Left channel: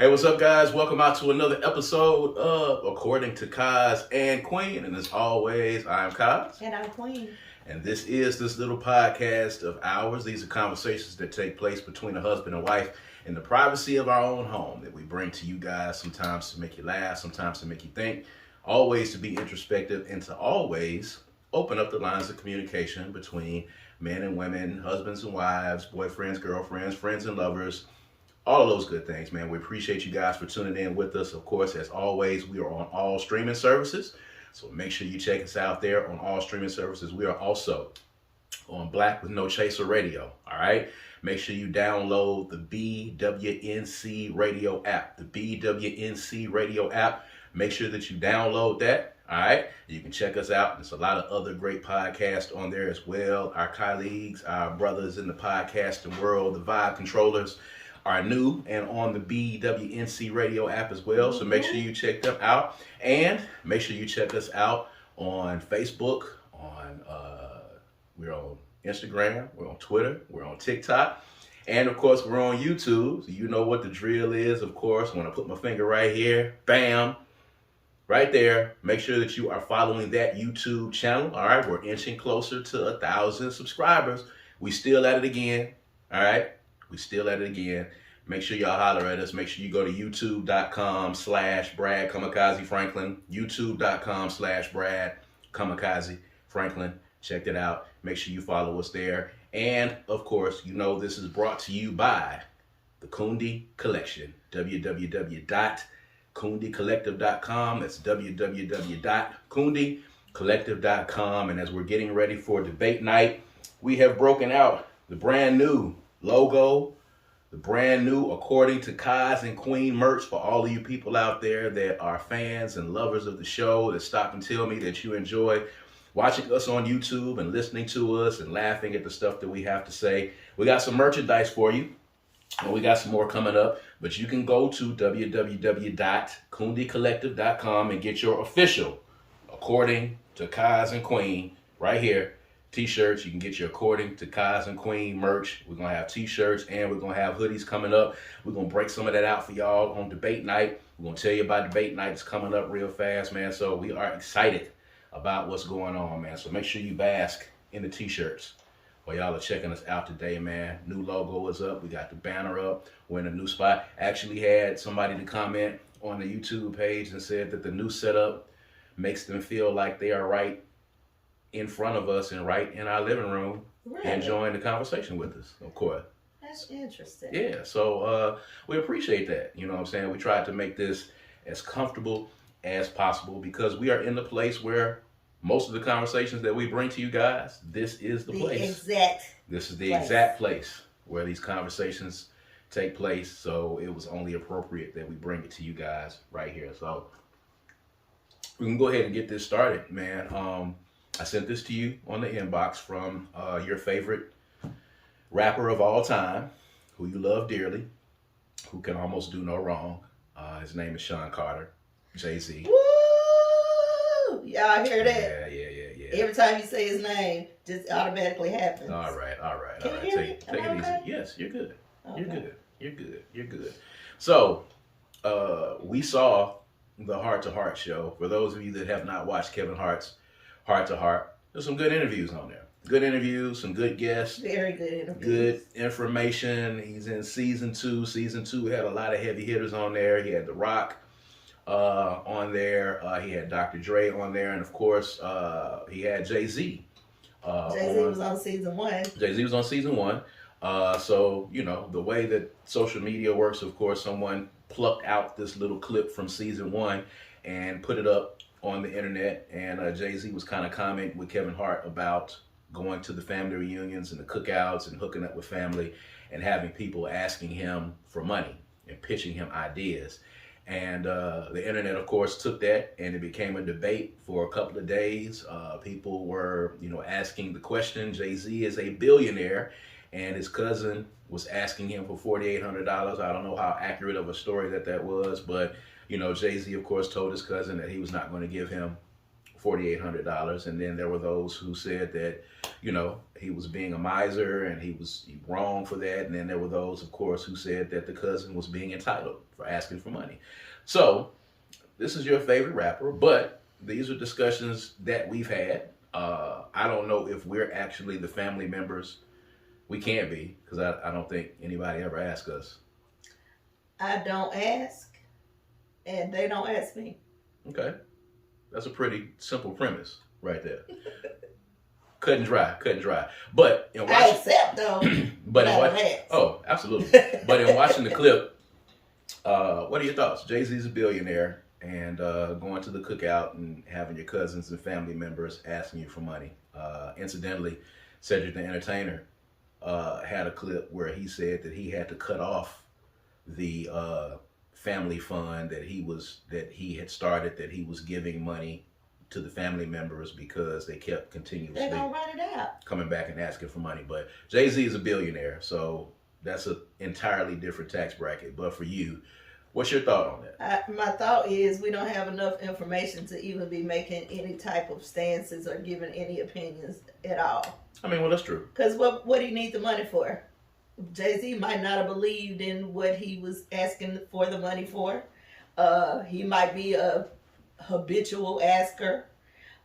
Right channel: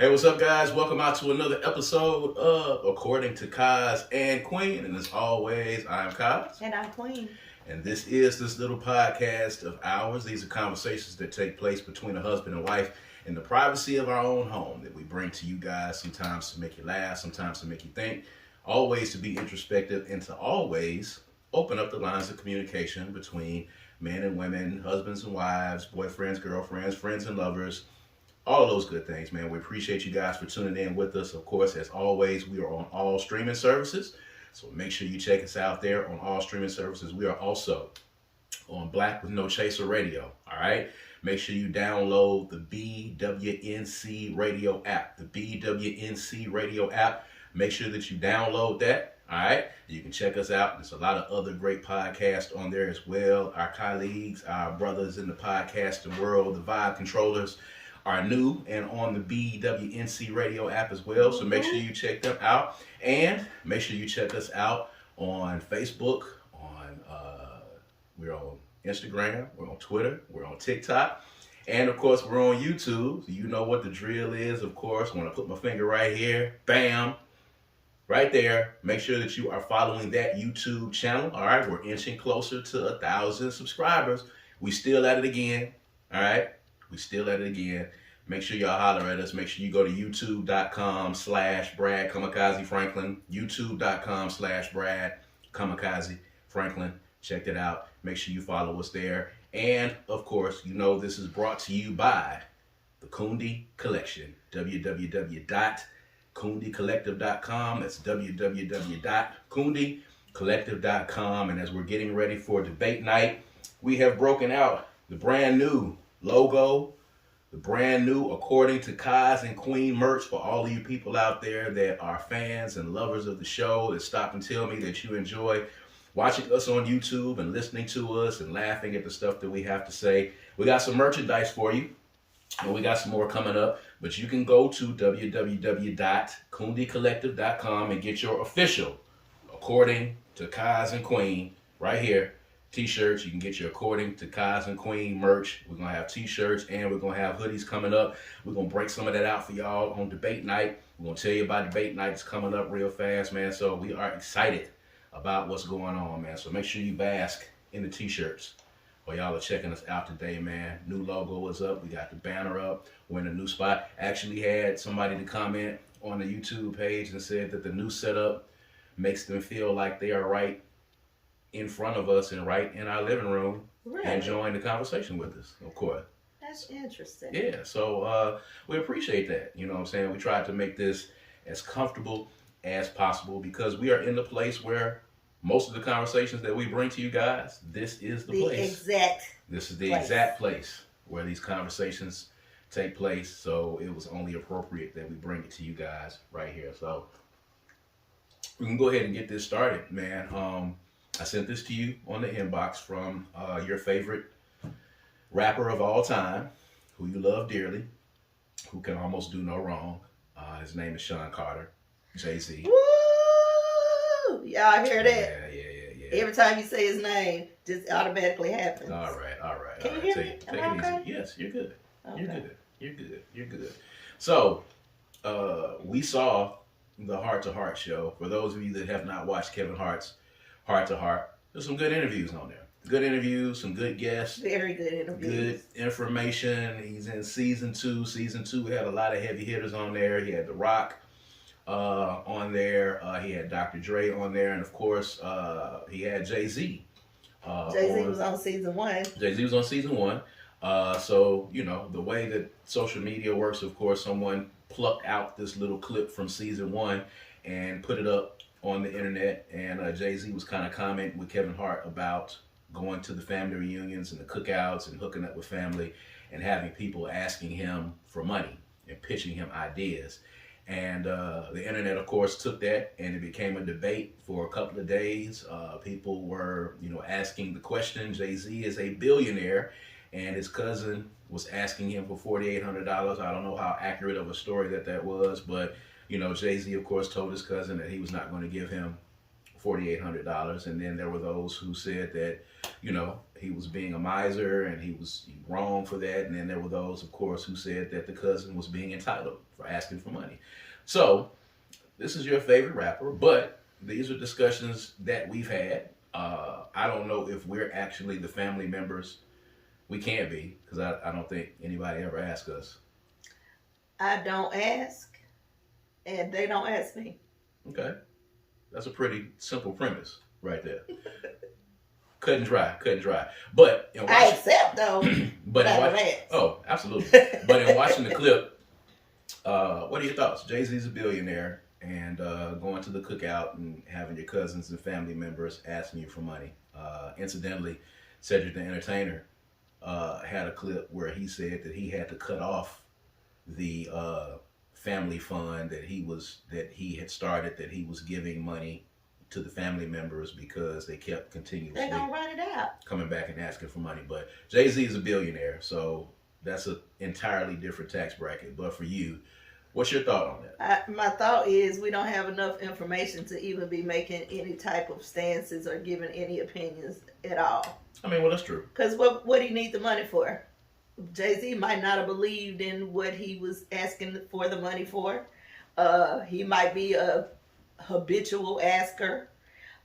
Hey, what's up, guys? Welcome out to another episode of According to Kaz and Queen. And as always, I'm Kaz. And I'm Queen. And this is this little podcast of ours. These are conversations that take place between a husband and wife in the privacy of our own home that we bring to you guys, sometimes to make you laugh, sometimes to make you think, always to be introspective, and to always open up the lines of communication between men and women, husbands and wives, boyfriends, girlfriends, friends and lovers. All of those good things, man. We appreciate you guys for tuning in with us. Of course, as always, we are on all streaming services. So make sure you check us out there on all streaming services. We are also on Black with No Chaser Radio. All right. Make sure you download the BWNC Radio app. The BWNC Radio app. Make sure that you download that. All right. You can check us out. There's a lot of other great podcasts on there as well. Our colleagues, our brothers in the podcasting world, the Vibe Controllers, are new and on the BWNC Radio app as well. So make sure you check them out. And make sure you check us out on Facebook, we're on Instagram, we're on Twitter, we're on TikTok, and of course we're on YouTube. So you know what the drill is, of course. When I put my finger right here, bam, right there. Make sure that you are following that YouTube channel. All right, we're inching closer to 1,000 subscribers. We still at it again. All right. We still at it again. Make sure y'all holler at us. Make sure you go to youtube.com/Brad Kamikaze Franklin. youtube.com/Brad Kamikaze Franklin. Check it out. Make sure you follow us there. And of course, you know this is brought to you by the Kundi Collection. www.kundicollective.com. That's www.kundicollective.com. And as we're getting ready for debate night, we have broken out the brand new logo, the brand new According to Kaz and Queen merch for all of you people out there that are fans and lovers of the show, that stop and tell me that you enjoy watching us on YouTube and listening to us and laughing at the stuff that we have to say. We got some merchandise for you, and we got some more coming up, but you can go to www.kundicollective.com and get your official According to Kaz and Queen right here. T-shirts. You can get your According to Kaz and Queen merch. We're going to have T-shirts and we're going to have hoodies coming up. We're going to break some of that out for y'all on debate night. We're going to tell you about debate night. It's coming up real fast, man. So we are excited about what's going on, man. So make sure you bask in the T-shirts while y'all are checking us out today, man. New logo is up. We got the banner up. We're in a new spot. Actually had somebody to comment on the YouTube page and said that the new setup makes them feel like they are right in front of us and right in our living room, really? Enjoying the conversation with us, of course. That's interesting. Yeah, so we appreciate that. You know what I'm saying? We tried to make this as comfortable as possible because we are in the place where most of the conversations that we bring to you guys, this is the place. This is the exact place where these conversations take place. So it was only appropriate that we bring it to you guys right here. So we can go ahead and get this started, man. I sent this to you on the inbox from your favorite rapper of all time, who you love dearly, who can almost do no wrong. His name is Sean Carter, Jay-Z. Woo! Y'all hear that? Yeah. Every time you say his name, just automatically happens. All right. Can you hear me? Take it easy. Okay? Yes, you're good. Okay. You're good. So, we saw the Heart to Heart show. For those of you that have not watched Kevin Hart's Heart to Heart, there's some good interviews on there. Good interviews, some good guests. Very good interviews. Good information. He's in season 2. Season 2 had a lot of heavy hitters on there. He had The Rock on there. He had Dr. Dre on there. And of course, he had Jay-Z. Jay-Z was on season 1. Jay-Z was on season 1. So, you know, the way that social media works, of course, someone plucked out this little clip from season 1 and put it up on the internet, and Jay-Z was kind of commenting with Kevin Hart about going to the family reunions and the cookouts and hooking up with family and having people asking him for money and pitching him ideas. And the internet, of course, took that and it became a debate for a couple of days. People were, asking the question. Jay-Z is a billionaire and his cousin was asking him for $4,800. I don't know how accurate of a story that was, but Jay-Z, of course, told his cousin that he was not going to give him $4,800. And then there were those who said that, he was being a miser and he was wrong for that. And then there were those, of course, who said that the cousin was being entitled for asking for money. So this is your favorite rapper, but these are discussions that we've had. I don't know if we're actually the family members. We can't be, because I don't think anybody ever asked us. I don't ask, and they don't ask me. Okay. That's a pretty simple premise right there. Cut and dry. But I accept, though. Oh, absolutely. But in watching the clip, what are your thoughts? Jay-Z's a billionaire, and going to the cookout and having your cousins and family members asking you for money. Incidentally, Cedric the Entertainer had a clip where he said that he had to cut off the family fund that he had started, that he was giving money to the family members because they kept continuously They're gonna run it out, coming back and asking for money. But Jay-Z is a billionaire, so that's an entirely different tax bracket. But for you, what's your thought on that? My thought is we don't have enough information to even be making any type of stances or giving any opinions at all. I mean, well, that's true. Because what do you need the money for? Jay-Z might not have believed in what he was asking for the money for. He might be a habitual asker.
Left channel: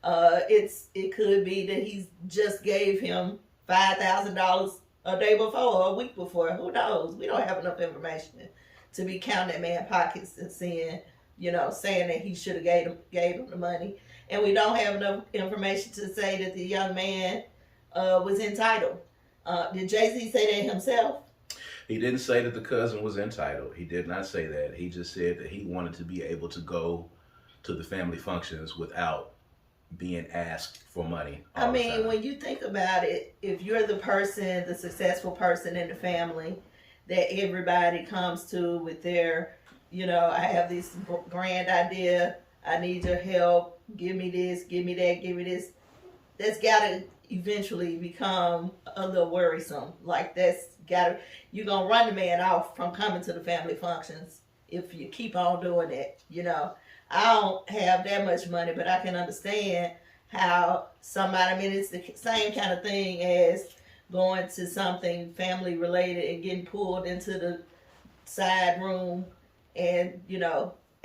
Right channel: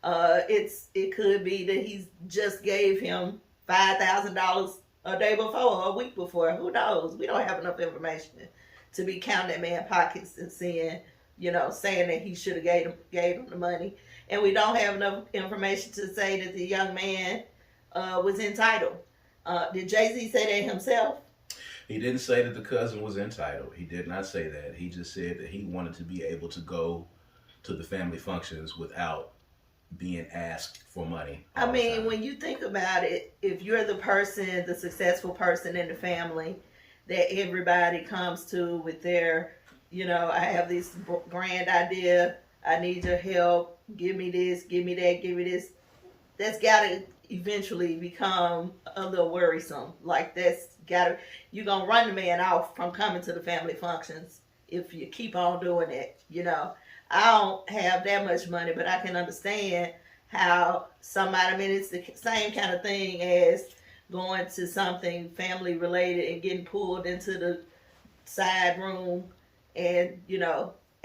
It could be that he just gave him $5,000 a day before or a week before. Who knows? We don't have enough information to be counting that man's pockets and saying that he should have gave him the money. And we don't have enough information to say that the young man was entitled. Did Jay-Z say that himself? He didn't say that the cousin was entitled. He did not say that. He just said that he wanted to be able to go to the family functions without being asked for money. I mean, when you think about it, if you're the successful person in the family that everybody comes to with their, I have this grand idea, I need your help, give me this, give me that, give me this. That's got to eventually become a little worrisome. Like you're going to run the man off from coming to the family functions if you keep on doing it, I don't have that much money, but I can understand how it's the same kind of thing as going to something family related and getting pulled into the side room and,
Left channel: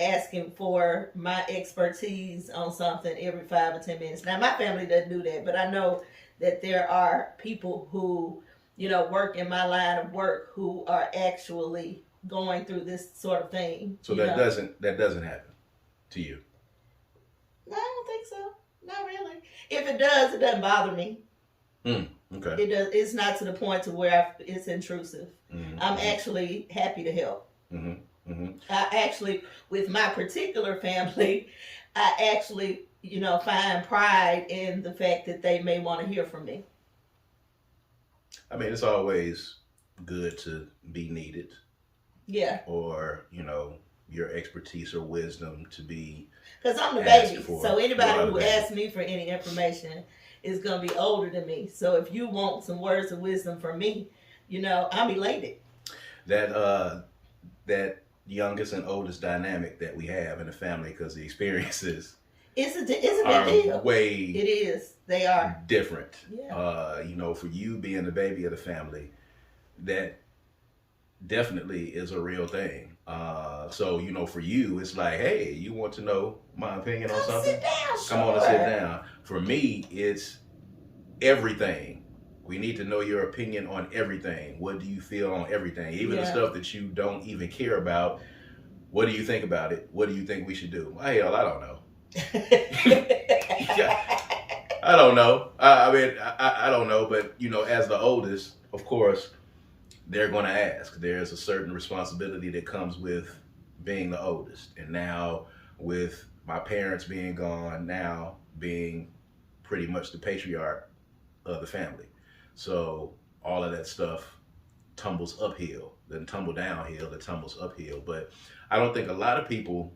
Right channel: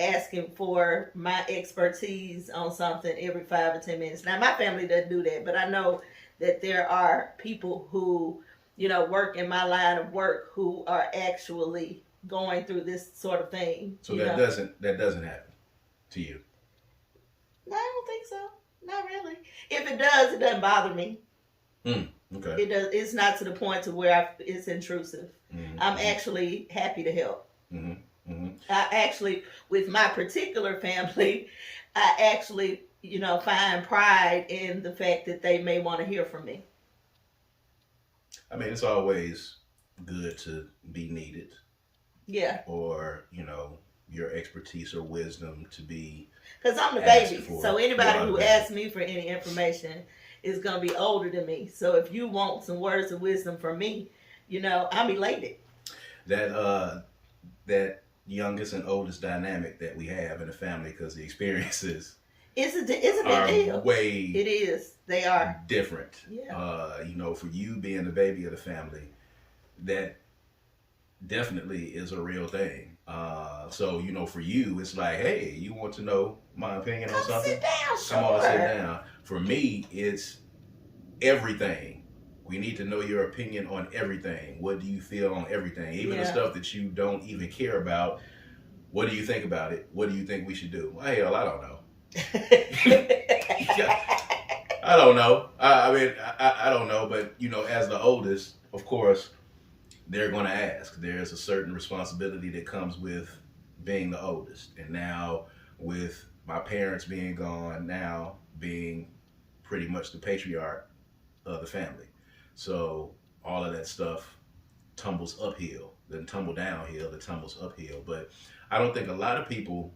asking for my expertise on something every 5 or 10 minutes. Now, my family doesn't do that, but I know that there are people who, work in my line of work who are actually going through this sort of thing. So that doesn't happen to you? No, I don't think so. Not really. If it does, it doesn't bother me. Okay. It does. It's not to the point to where it's intrusive. Mm-hmm. I'm actually happy to help. Mm-hmm. Mm-hmm. I actually, with my particular family, I actually, find pride in the fact that they may want to hear from me. I mean, it's always good to be needed. Yeah. Or, your expertise or wisdom to be. Because I'm the baby. So anybody who asks me for any information is going to be older than me. So if you want some words of wisdom from me, I'm elated. That youngest and oldest dynamic that we have in the family, because the experiences it's a big deal. It is. They are different. Yeah. For you being the baby of the family, that definitely is a real thing. So for you, it's like, hey, you want to know my opinion on something? Sit down, Come on and sit down. For me, it's everything. We need to know your opinion on everything. What do you feel on everything? Even the stuff that you don't even care about. What do you think about it? What do you think we should do? Well, hell, I don't know. I don't know. I don't know. But, as the oldest, of course, they're going to ask. There's a certain responsibility that comes with being the oldest. And now with my parents being gone, now being pretty much the patriarch of the family. So all of that stuff tumbles uphill, then tumble downhill, then tumbles uphill. But I don't think a lot of people,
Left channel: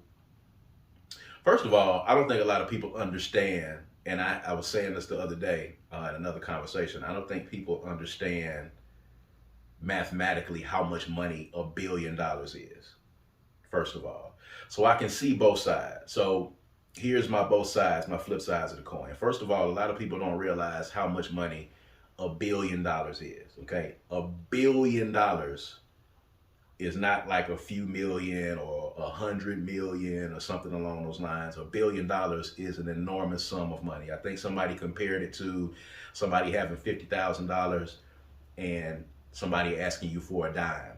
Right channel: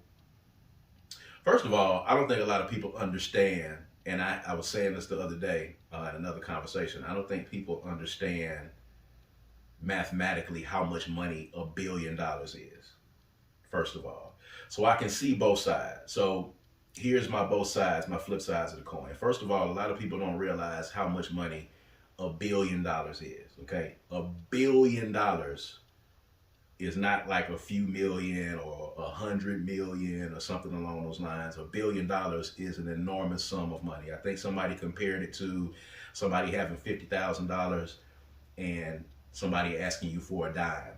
first of all, I don't think a lot of people understand, and I was saying this the other day in another conversation, I don't think people understand mathematically how much money $1 billion is, first of all. So I can see both sides. So here's my both sides, my flip sides of the coin. First of all, a lot of people don't realize how much money $1 billion is. Okay, $1 billion is not like a few million or 100 million or something along those lines. $1 billion is an enormous sum of money. I think somebody compared it to somebody having $50,000 and somebody asking you for a dime.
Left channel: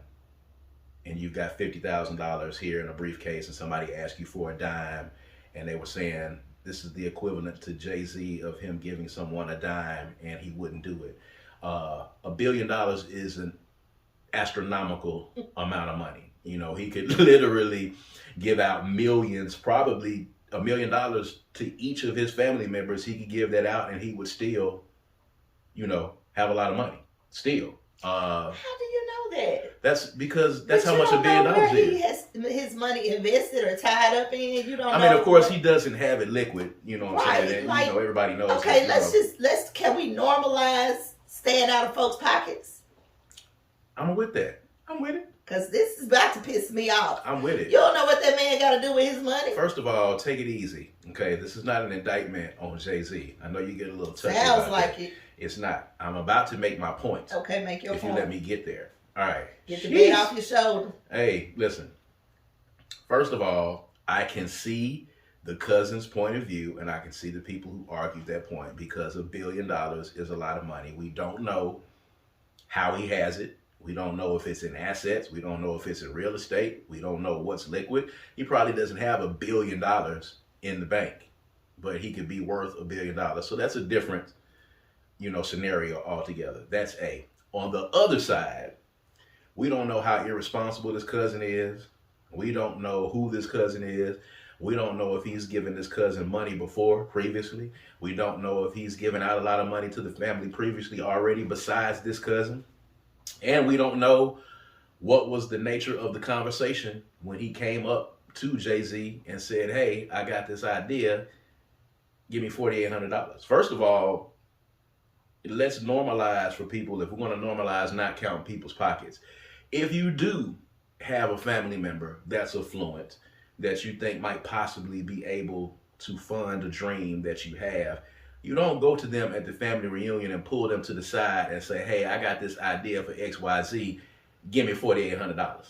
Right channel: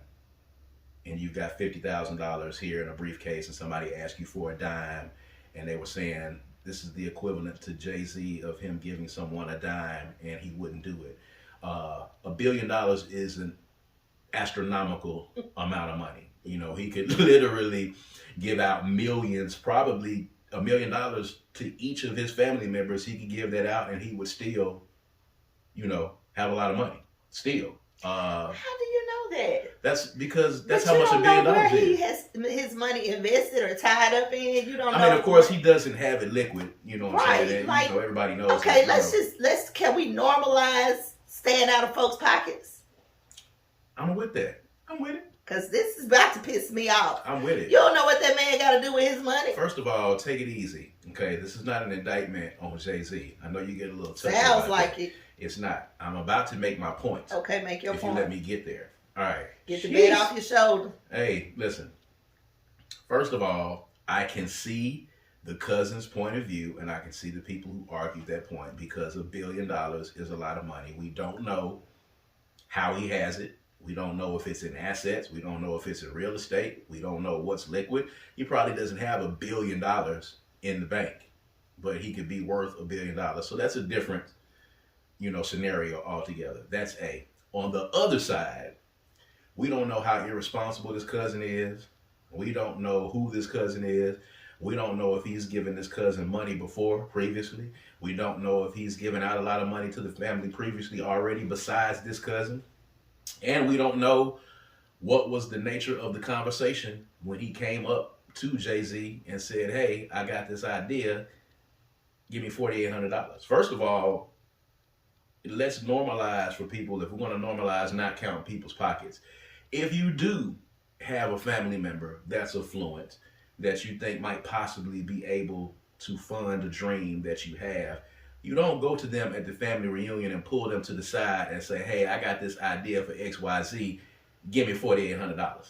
And you've got $50,000 here in a briefcase, and somebody asked you for a dime, and they were saying this is the equivalent to Jay-Z of him giving someone a dime, and he wouldn't do it. $1 billion is an astronomical amount of money. You know, he could literally give out millions, probably $1 million to each of his family members. He could give that out, and he would still, you know, have a lot of money. Still. How do you know that? That's because that's how much $1 billion is. He has his money invested or tied up in. You don't know. I mean, of course, he doesn't have it liquid. You know what I'm saying? And, like, you know, everybody knows. Okay, that, can we normalize staying out of folks' pockets? I'm with that. I'm with it. Because this is about to piss me off. I'm with it. You don't know what that man got to do with his money. First of all, take it easy. Okay, this is not an indictment on Jay-Z. I know you get a little touchy. Sounds like it. It's not. I'm about to make my point. Okay, make your point. If you let me get there. All right. Get the weight off your shoulder. Hey, listen. First of all, I can see the cousin's point of view, and I can see the people who argued that point, because $1 billion is a lot of money. We don't know how he has it. We don't know if it's in assets. We don't know if it's in real estate. We don't know what's liquid. He probably doesn't have $1 billion in the bank, but he could be worth $1 billion. So that's a different, you know, scenario altogether. That's A. On the other side, we don't know how irresponsible this cousin is. We don't know who this cousin is. We don't know if he's given this cousin money previously. We don't know if he's given out a lot of money to the family previously already besides this cousin. And we don't know what was the nature of the conversation when he came up to Jay-Z and said, hey, I got this idea. Give me $4,800. First of all, let's normalize for people, if we're going to normalize not counting people's pockets. If you do have a family member that's affluent, that you think might possibly be able to fund a dream that you have, you don't go to them at the family reunion and pull them to the side and say, hey, I got this idea for XYZ, give me $4,800.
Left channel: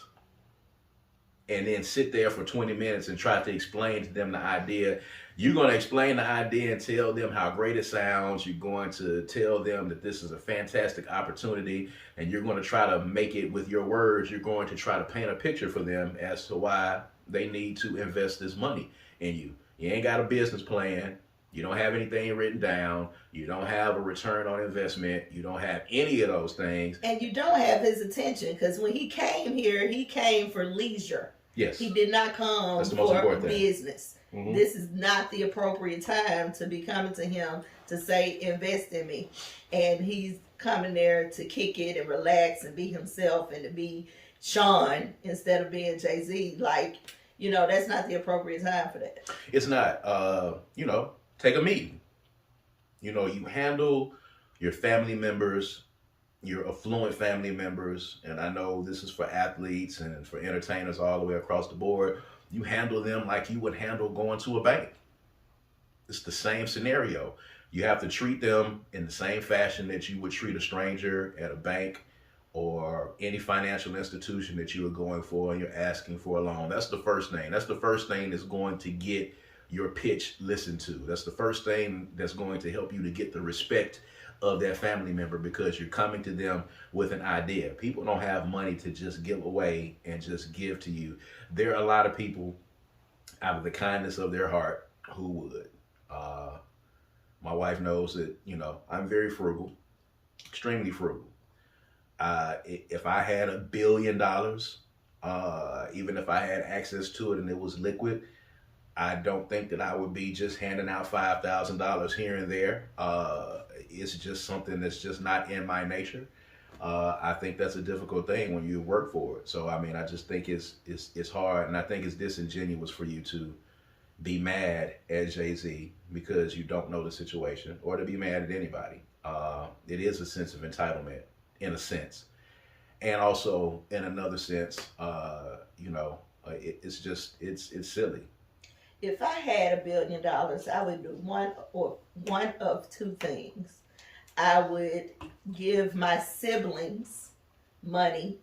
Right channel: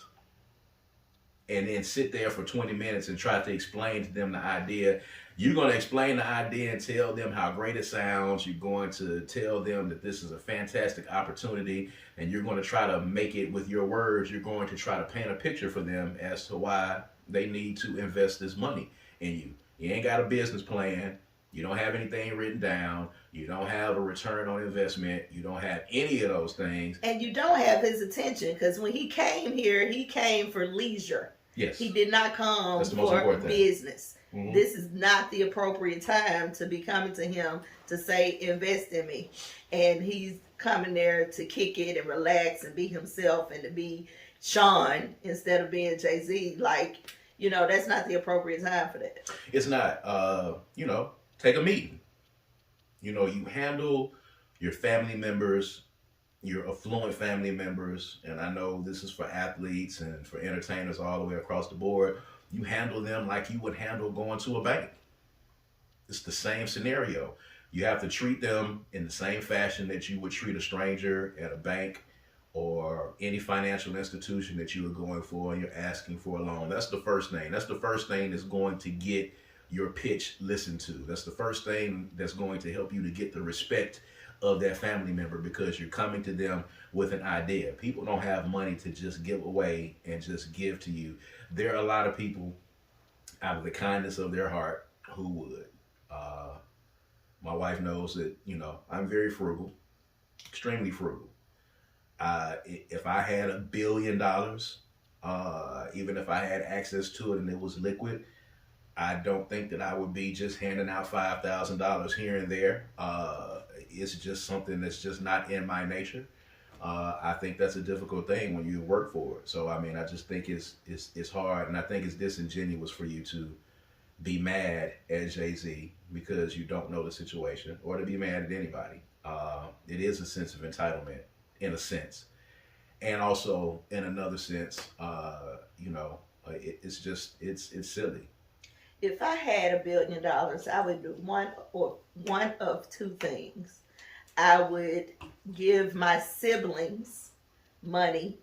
And then sit there for 20 minutes and try to explain to them the idea. You're going to explain the idea and tell them how great it sounds. You're going to tell them that this is a fantastic opportunity, and you're going to try to make it with your words. You're going to try to paint a picture for them as to why they need to invest this money in you. You ain't got a business plan. You don't have anything written down. You don't have a return on investment. You don't have any of those things. And you don't have his attention, because when he came here, he came for leisure. Yes. He did not come for business. Mm-hmm. This is not the appropriate time to be coming to him to say, invest in me. And he's coming there to kick it and relax and be himself and to be Sean instead of being Jay-Z. Like, you know, that's not the appropriate time for that. It's not. You know, take a meeting. You know, you handle your family members, your affluent family members, and I know this is for athletes and for entertainers all the way across the board. You handle them like you would handle going to a bank. It's the same scenario. You have to treat them in the same fashion that you would treat a stranger at a bank or any financial institution that you are going for and you're asking for a loan. That's the first thing. That's the first thing that's going to get your pitch listened to. That's the first thing that's going to help you to get the respect of that family member, because you're coming to them with an idea. People don't have money to just give away and just give to you. There are a lot of people out of the kindness of their heart who would. My wife knows that, you know, I'm very frugal, extremely frugal. If I had $1 billion, even if I had access to it and it was liquid, I don't think that I would be just handing out $5,000 here and there. It's just something that's just not in my nature. I think that's a difficult thing when you work for it. So, I mean, I just think it's hard, and I think it's disingenuous for you to be mad at Jay-Z because you don't know the situation, or to be mad at anybody. It is a sense of entitlement, in a sense. And also, in another sense, you know, it's silly. if I had $1 billion, I would do one of two things. I would give my siblings money,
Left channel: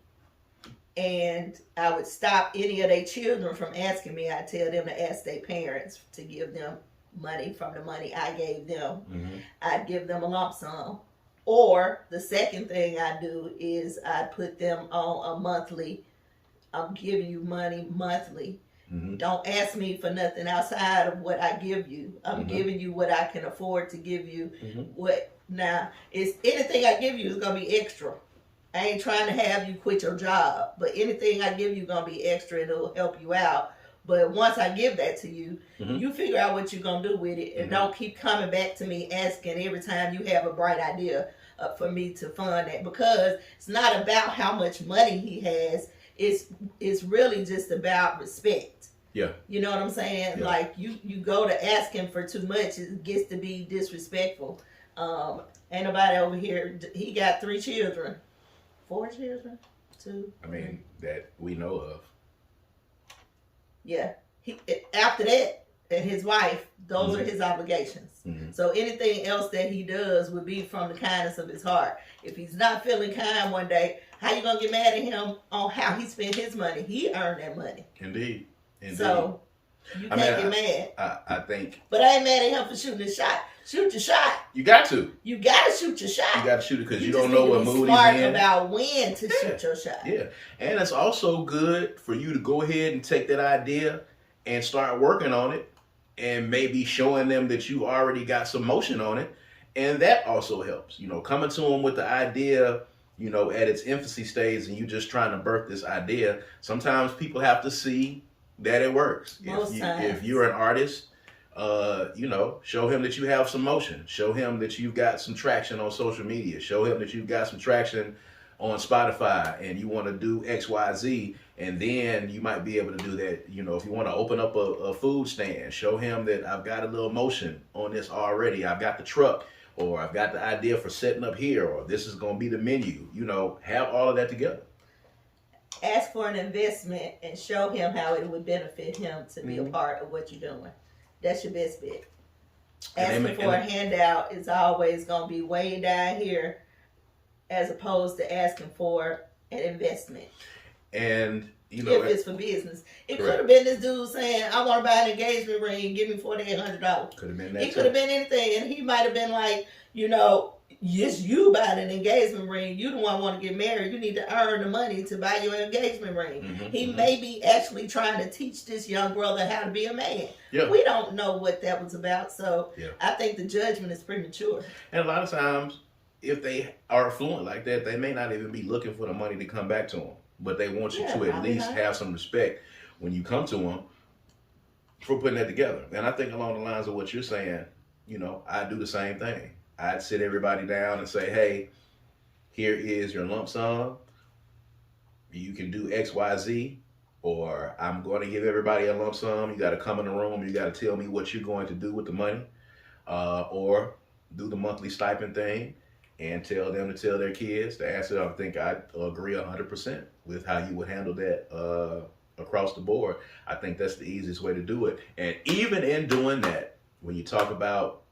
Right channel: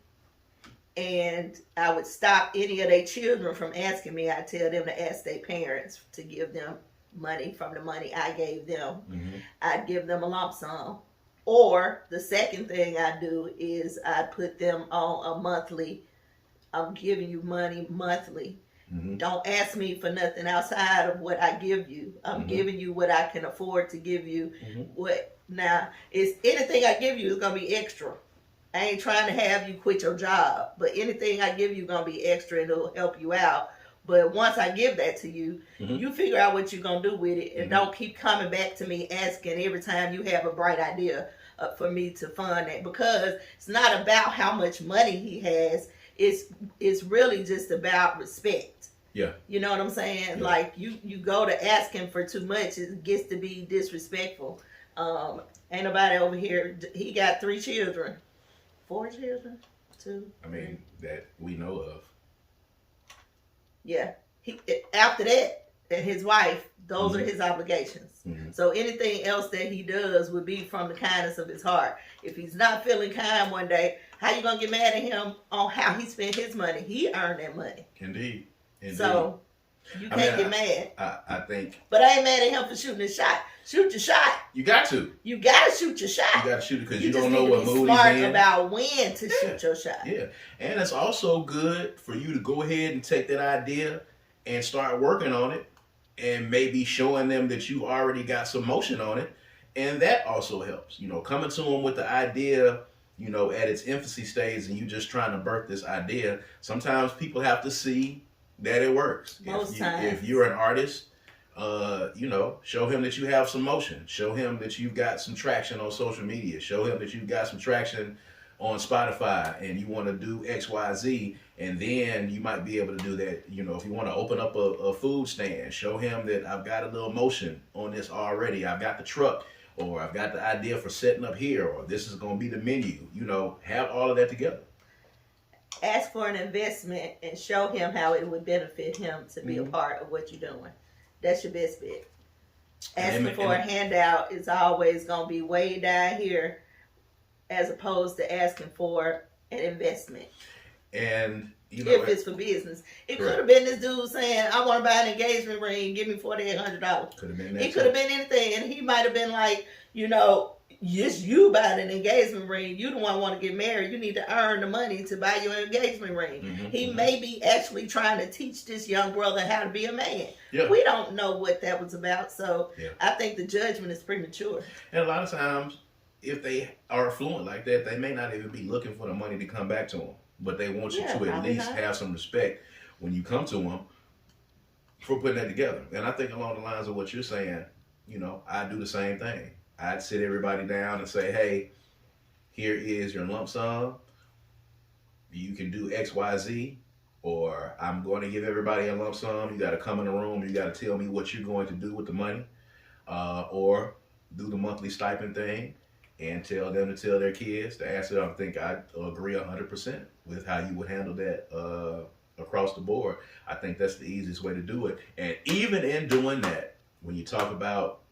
and I would stop any of their children from asking me. I tell them to ask their parents to give them money from the money I gave them. Mm-hmm. I'd give them a lump sum. Or the second thing I do is I put them on a monthly, I'm giving you money monthly. Mm-hmm. Don't ask me for nothing outside of what I give you. I'm giving you what I can afford to give you. What now is anything I give you is gonna be extra. I ain't trying to have you quit your job, but anything I give you is gonna be extra and it'll help you out. But once I give that to you, you figure out what you're gonna do with it, and don't keep coming back to me asking every time you have a bright idea for me to fund that, because it's not about how much money he has. It's really just about respect. Yeah. You know what I'm saying? Yeah. Like you go to ask him for too much, it gets to be disrespectful. Ain't nobody over here. He got 3 children, 4 children, 2. I mean, that we know of. Yeah. After that, and his wife, those are his obligations. So anything else that he does would be from the kindness of his heart. If he's not feeling kind one day, how you gonna get mad at him on how he spent his money? He earned that money. Indeed. So you can't get mad. I think. But I ain't mad at him for shooting his shot. Shoot your shot. You got to. You got to shoot your shot. You got to shoot it because you don't know what mood he's in. About when to shoot your shot. Yeah, and it's also good for you to go ahead and take that idea and start working on it, and maybe showing them that you already got some motion on it, and that also helps. You know, coming to them with the idea, you know, at its infancy stage, and you just trying to birth this idea. Sometimes people have to see that it works. Most times. If you're an artist, you know, show him that you have some motion. Show him that you've got some traction on social media. Show him that you've got some traction on Spotify, and you want to do X, Y, Z, and then you might be able to do that. You know, if you want to open up a food stand, show him that I've got a little motion on this already. I've got the truck, or I've got the idea for setting up here, or this is going to be the menu. You know, have all of that together. Ask for an investment and show him how it would benefit him to be a part of what you're doing. That's your best bet. Asking for a handout is always going to be way down here, as opposed to asking for an investment. And, you know, if it's for business. It could have been this dude saying, I want to buy an engagement ring, give me $4,800. Could have been that. It could have been anything. And he might have been like, you know, yes, you buy an engagement ring. You the one want to get married. You need to earn the money to buy your engagement ring. He may be actually trying to teach this young brother how to be a man. Yeah. We don't know what that was about. So I think the judgment is premature. And a lot of times, if they are affluent like that, they may not even be looking for the money to come back to them. But they want you to at least have some respect when you come to them for putting that together. And I think along the lines of what you're saying, you know, I do the same thing. I'd sit everybody down and say, hey, here is your lump sum. You can do X, Y, Z, or I'm going to give everybody a lump sum. You got to come in the room. You got to tell me what you're going to do with the money, or do the monthly stipend thing and tell them to tell their kids. The answer, I think I agree 100% with how you would handle that across the board. I think that's the easiest way to do it. And even in doing that, when you talk about,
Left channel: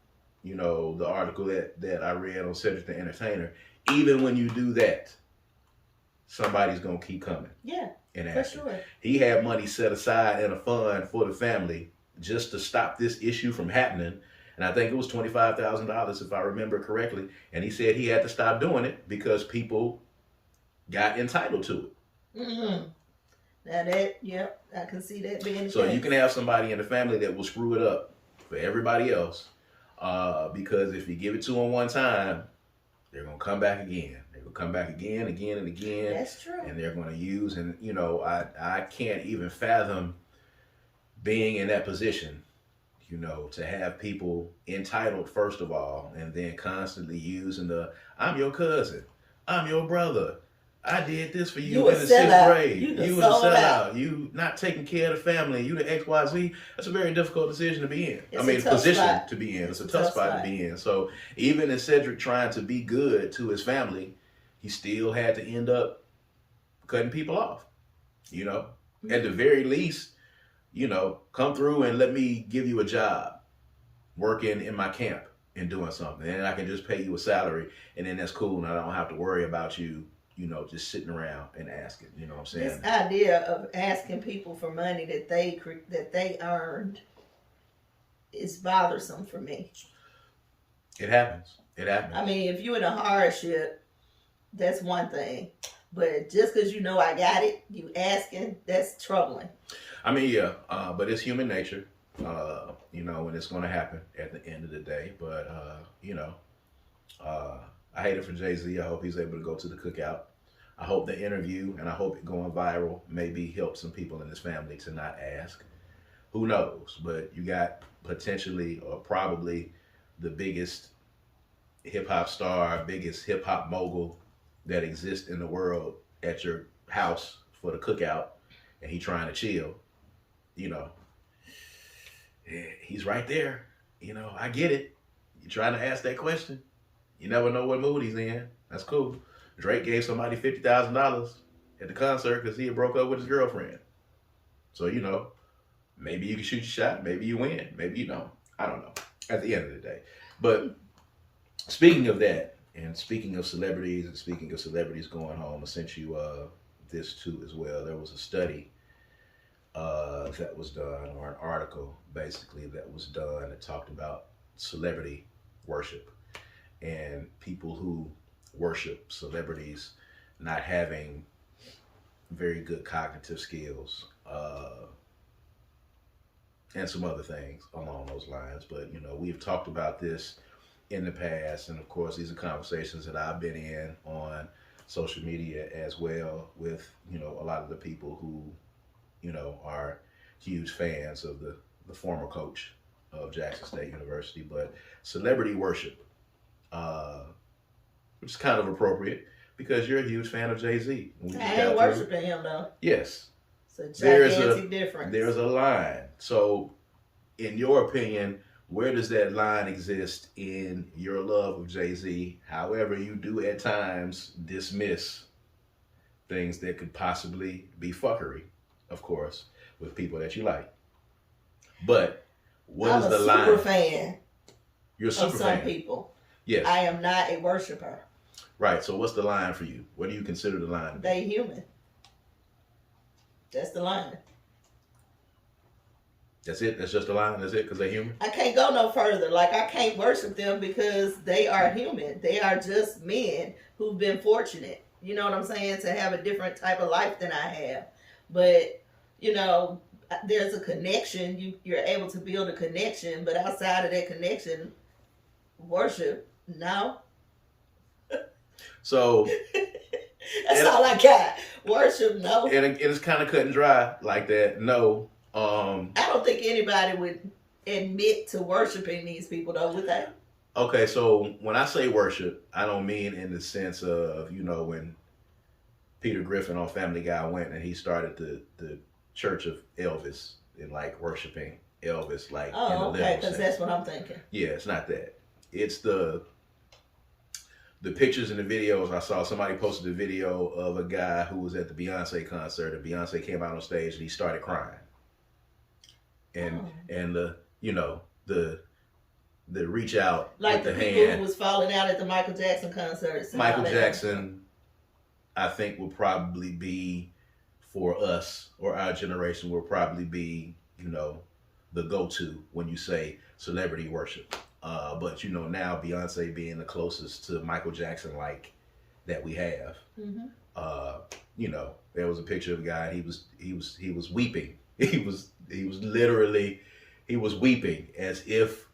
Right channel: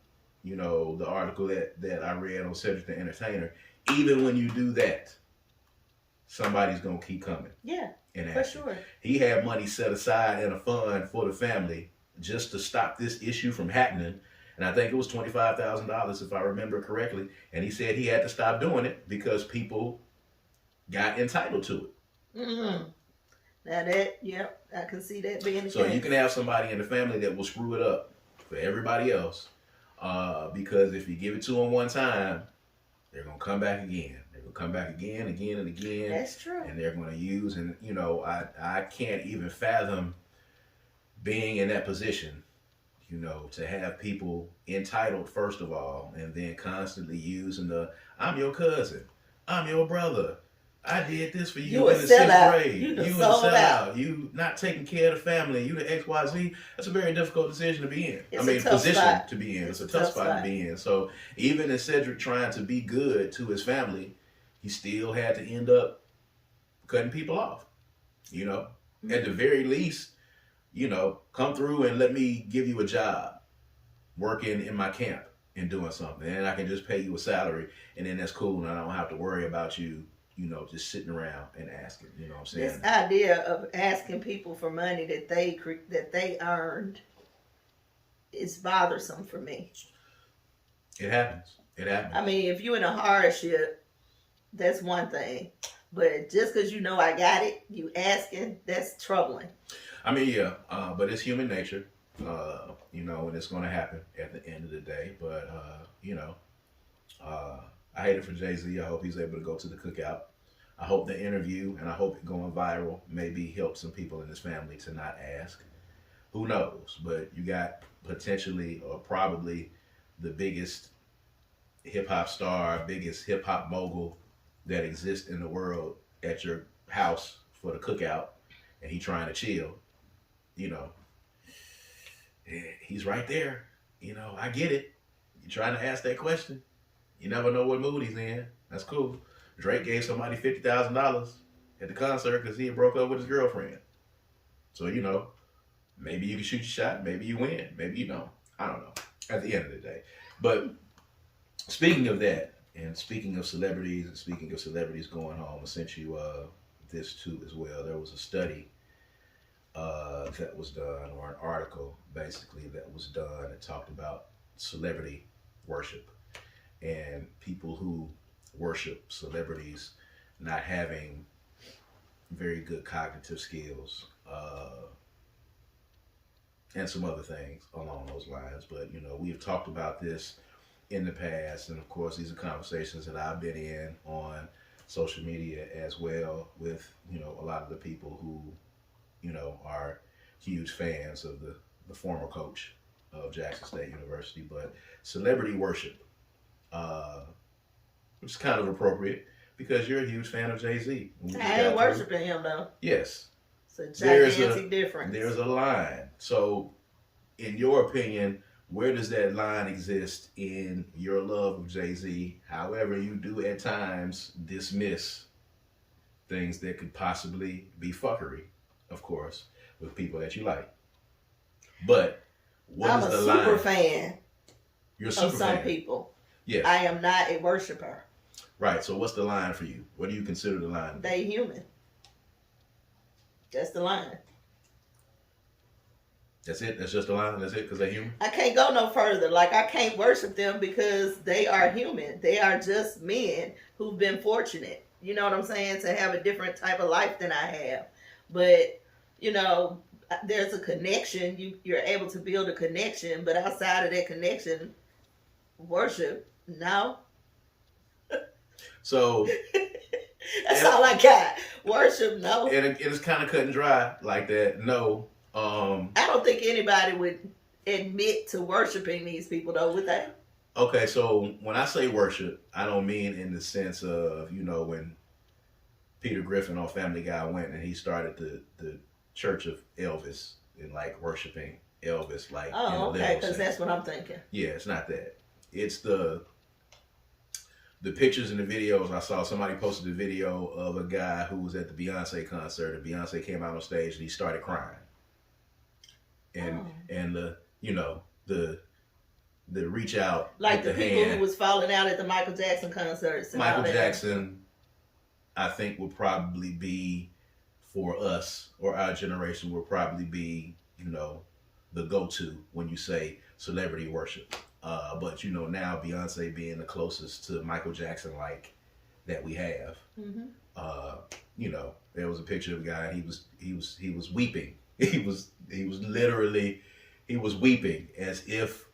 you know, the article that I read on Cedric the Entertainer, even when you do that, somebody's going to keep coming. Yeah, and for sure. He had money set aside in a fund for the family just to stop this issue from happening. And I think it was $25,000, if I remember correctly. And he said he had to stop doing it because people got entitled to it. Mm-hmm. Now that, yep, I can see that being the case. So you can have somebody in the family that will screw it up for everybody else. Because if you give it to them one time, they're going to come back again. They're going to come back again, again, and again. That's true. And they're going to use, and you know, I can't even fathom being in that position, you know, to have people entitled, first of all, and then constantly using I'm your cousin, I'm your brother, I did this for you in the 6th grade. You was a sellout. You not taking care of the family. You the XYZ. That's a very difficult decision to be in. Position to be in. It's a tough spot to be in. So even in Cedric trying to be good to his family, he still had to end up cutting people off. You know, at the very least, come through and let me give you a job working in my camp and doing something. And I can just pay you a salary, and then that's cool. And I don't have to worry about you, just sitting around and asking. You know what I'm saying? This idea of asking people for money that they earned is bothersome for me. It happens. I mean, if you're in a hardship, that's one thing. But just because I got it, you asking, that's troubling. I mean, yeah, but it's human nature, and it's going to happen at the end of the day. But, I hate it for Jay-Z. I hope he's able to go to the cookout. I hope the interview, and I hope it going viral, maybe help some people in his family to not ask. Who knows? But you got potentially or probably the biggest hip-hop star, biggest hip-hop mogul that exists in the world at your house for the cookout, and he trying to chill. He's right there. I get it. You're trying to ask that question. You never know what mood he's in. That's cool. Drake gave somebody $50,000 at the concert because he had broke up with his girlfriend. So, maybe you can shoot your shot. Maybe you win. Maybe you don't. I don't know. At the end of the day. But speaking of that, and speaking of celebrities, and speaking of celebrities going home, I sent you this too as well. There was a study that was done, or an article basically that was done that talked about celebrity worship and people who worship celebrities not having very good cognitive skills and some other things along those lines. But we've talked about this in the past, and of course these are conversations that I've been in on social media as well with a lot of the people who are huge fans of the former coach of Jackson State University. But celebrity worship, which is kind of appropriate because you're a huge fan of Jay-Z. I ain't worshiping him though. Yes. It's a gigantic difference. There's a line. So in your opinion, where does that line exist in your love of Jay-Z? However, you do at times dismiss things that could possibly be fuckery, of course, with people that you like. But what is the line? I'm a super fan. You're a super of some fan. people. Yes. I am not a worshiper. Right. So what's the line for you? What do you consider the line? They human. That's the line. That's it? That's just the line? That's it? Because they're human? I can't go no further. Like, I can't worship them because they are human. They are just men who've been fortunate, you know what I'm saying, to have a different type of life than I have. But, there's a connection. You're able to build a connection. But outside of that connection, worship, no. So... That's all I got. Worship, no. And it's kind of cut and dry like that. No. I don't think anybody would admit to worshiping these people, though, would they? Okay, so when I say worship, I don't mean in the sense of, when Peter Griffin on Family Guy went and he started the Church of Elvis and like worshiping Elvis, like. Oh, okay, because that's what I'm thinking. Yeah, it's not that. It's the pictures and the videos. I saw somebody posted a video of a guy who was at the Beyonce concert, and Beyonce came out on stage and he started crying. And the reach out, like the people hand. who was falling out at the Michael Jackson concerts. Michael Jackson, I think, will probably be, for us or our generation, will probably be the go-to when you say celebrity worship. But now Beyonce being the closest to Michael Jackson like that we have. Mm-hmm. There was a picture of a guy. He was weeping. He was literally weeping as if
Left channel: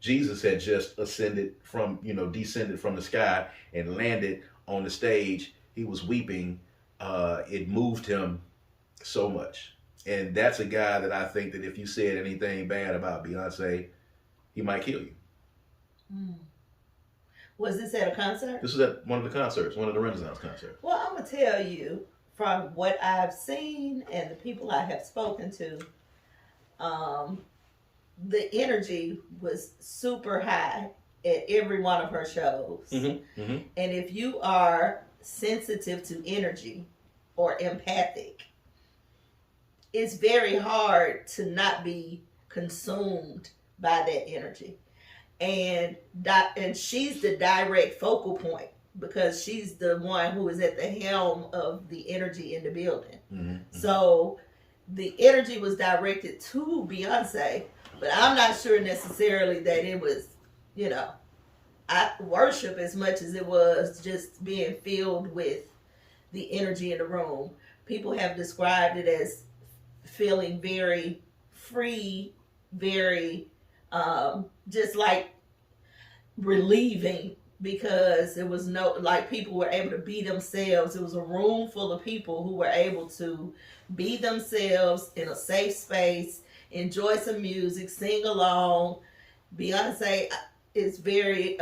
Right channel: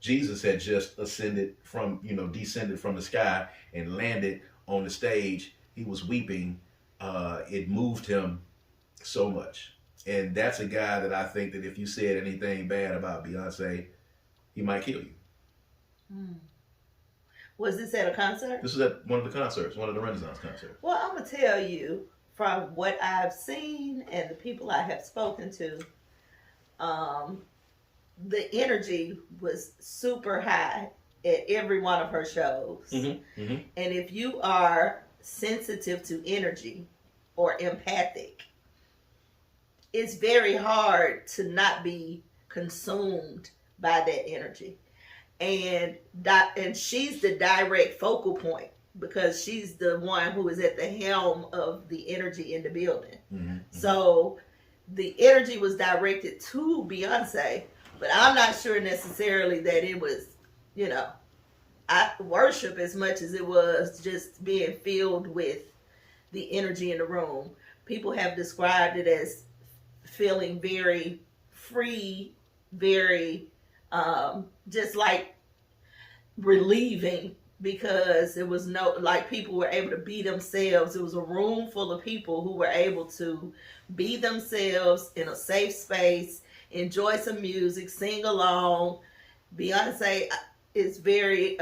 Jesus had just descended from the sky and landed on the stage. He was weeping. It moved him so much. And that's a guy that I think that if you said anything bad about Beyonce, he might kill you. Mm. Was this at a concert? This was at one of the concerts, one of the Renaissance concerts. Well, I'm going to tell you, from what I've seen and the people I have spoken to, the energy was super high at every one of her shows. Mm-hmm. Mm-hmm. And if you are sensitive to energy or empathic, it's very hard to not be consumed by that energy. And she's the direct focal point because she's the one who is at the helm of the energy in the building. Mm-hmm. So the energy was directed to Beyonce, but I'm not sure necessarily that it was, worship as much as it was just being filled with the energy in the room. People have described it as feeling very free, very just like relieving, because there was no, like, people were able to be themselves. It was a room full of people who were able to be themselves in a safe space, enjoy some music, sing along. Beyonce is very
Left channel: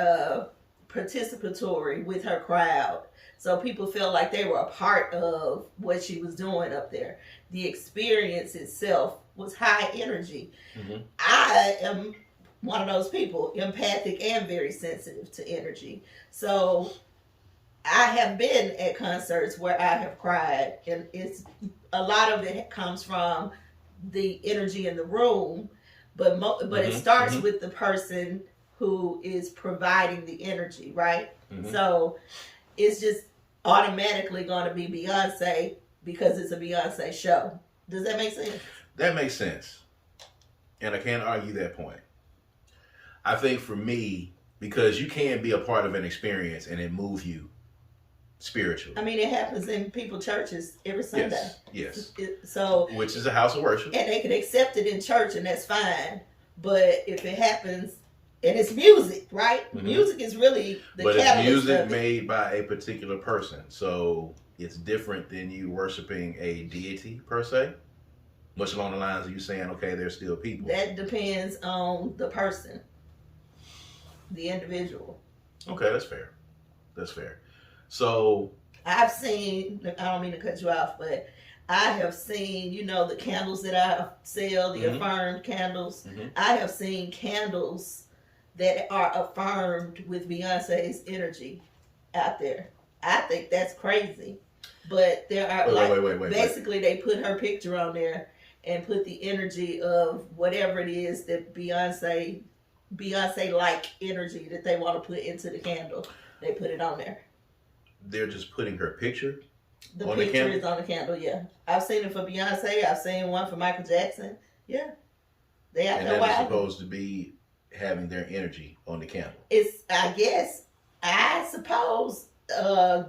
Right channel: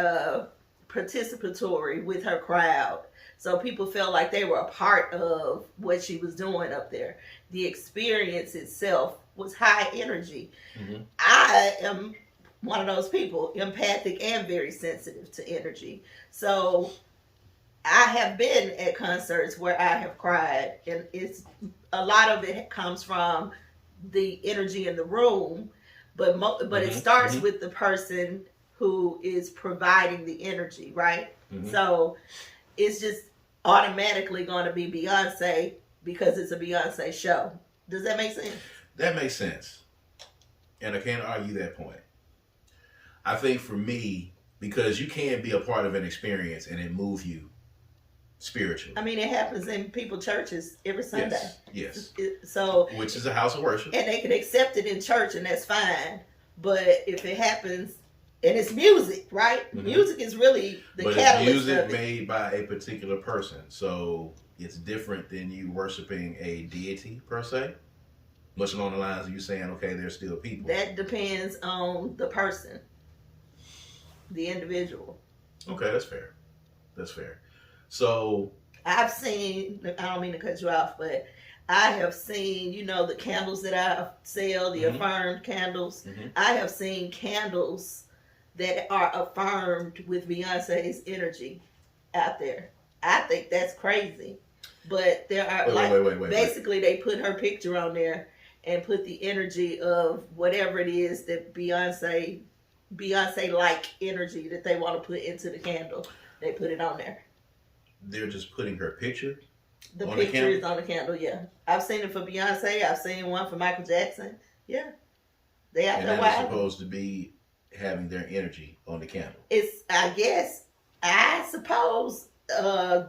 participatory with her crowd. So people felt like they were a part of what she was doing up there. The experience itself was high energy. Mm-hmm. I am one of those people, empathic and very sensitive to energy. So I have been at concerts where I have cried, and it's a lot of it comes from the energy in the room, but it starts with the person who is providing the energy, right? Mm-hmm. So it's just automatically going to be Beyonce because it's a Beyonce show. Does that make sense? That makes sense. And I can't argue that point. I think for me, because you can be a part of an experience and it move you spiritually. I mean, it happens in people's churches every Sunday. Yes. So, which is a house of worship. And they can accept it in church, and that's fine. But if it happens, and it's music, right? Mm-hmm. Music is really the catalyst. But it's music made by a particular person. So it's different than you worshiping a deity per se. Much along the lines of you saying, okay, there's still people. That depends on the person, the individual. Okay, that's fair. That's fair. So I've seen, I don't mean to cut you off, but I have seen, the candles that I sell, the affirmed candles. Mm-hmm. I have seen candles that are affirmed with Beyonce's energy out there. I think that's crazy. But there are wait. Basically, they put her picture on there and put the energy of whatever it is that Beyonce-like energy that they want to put into the candle. They put it on there. They're just putting her picture? The picture is on the candle, yeah. I've seen it for Beyonce. I've seen one for Michael Jackson. Yeah. They out there. And they're supposed to be having their energy on the candle. I suppose,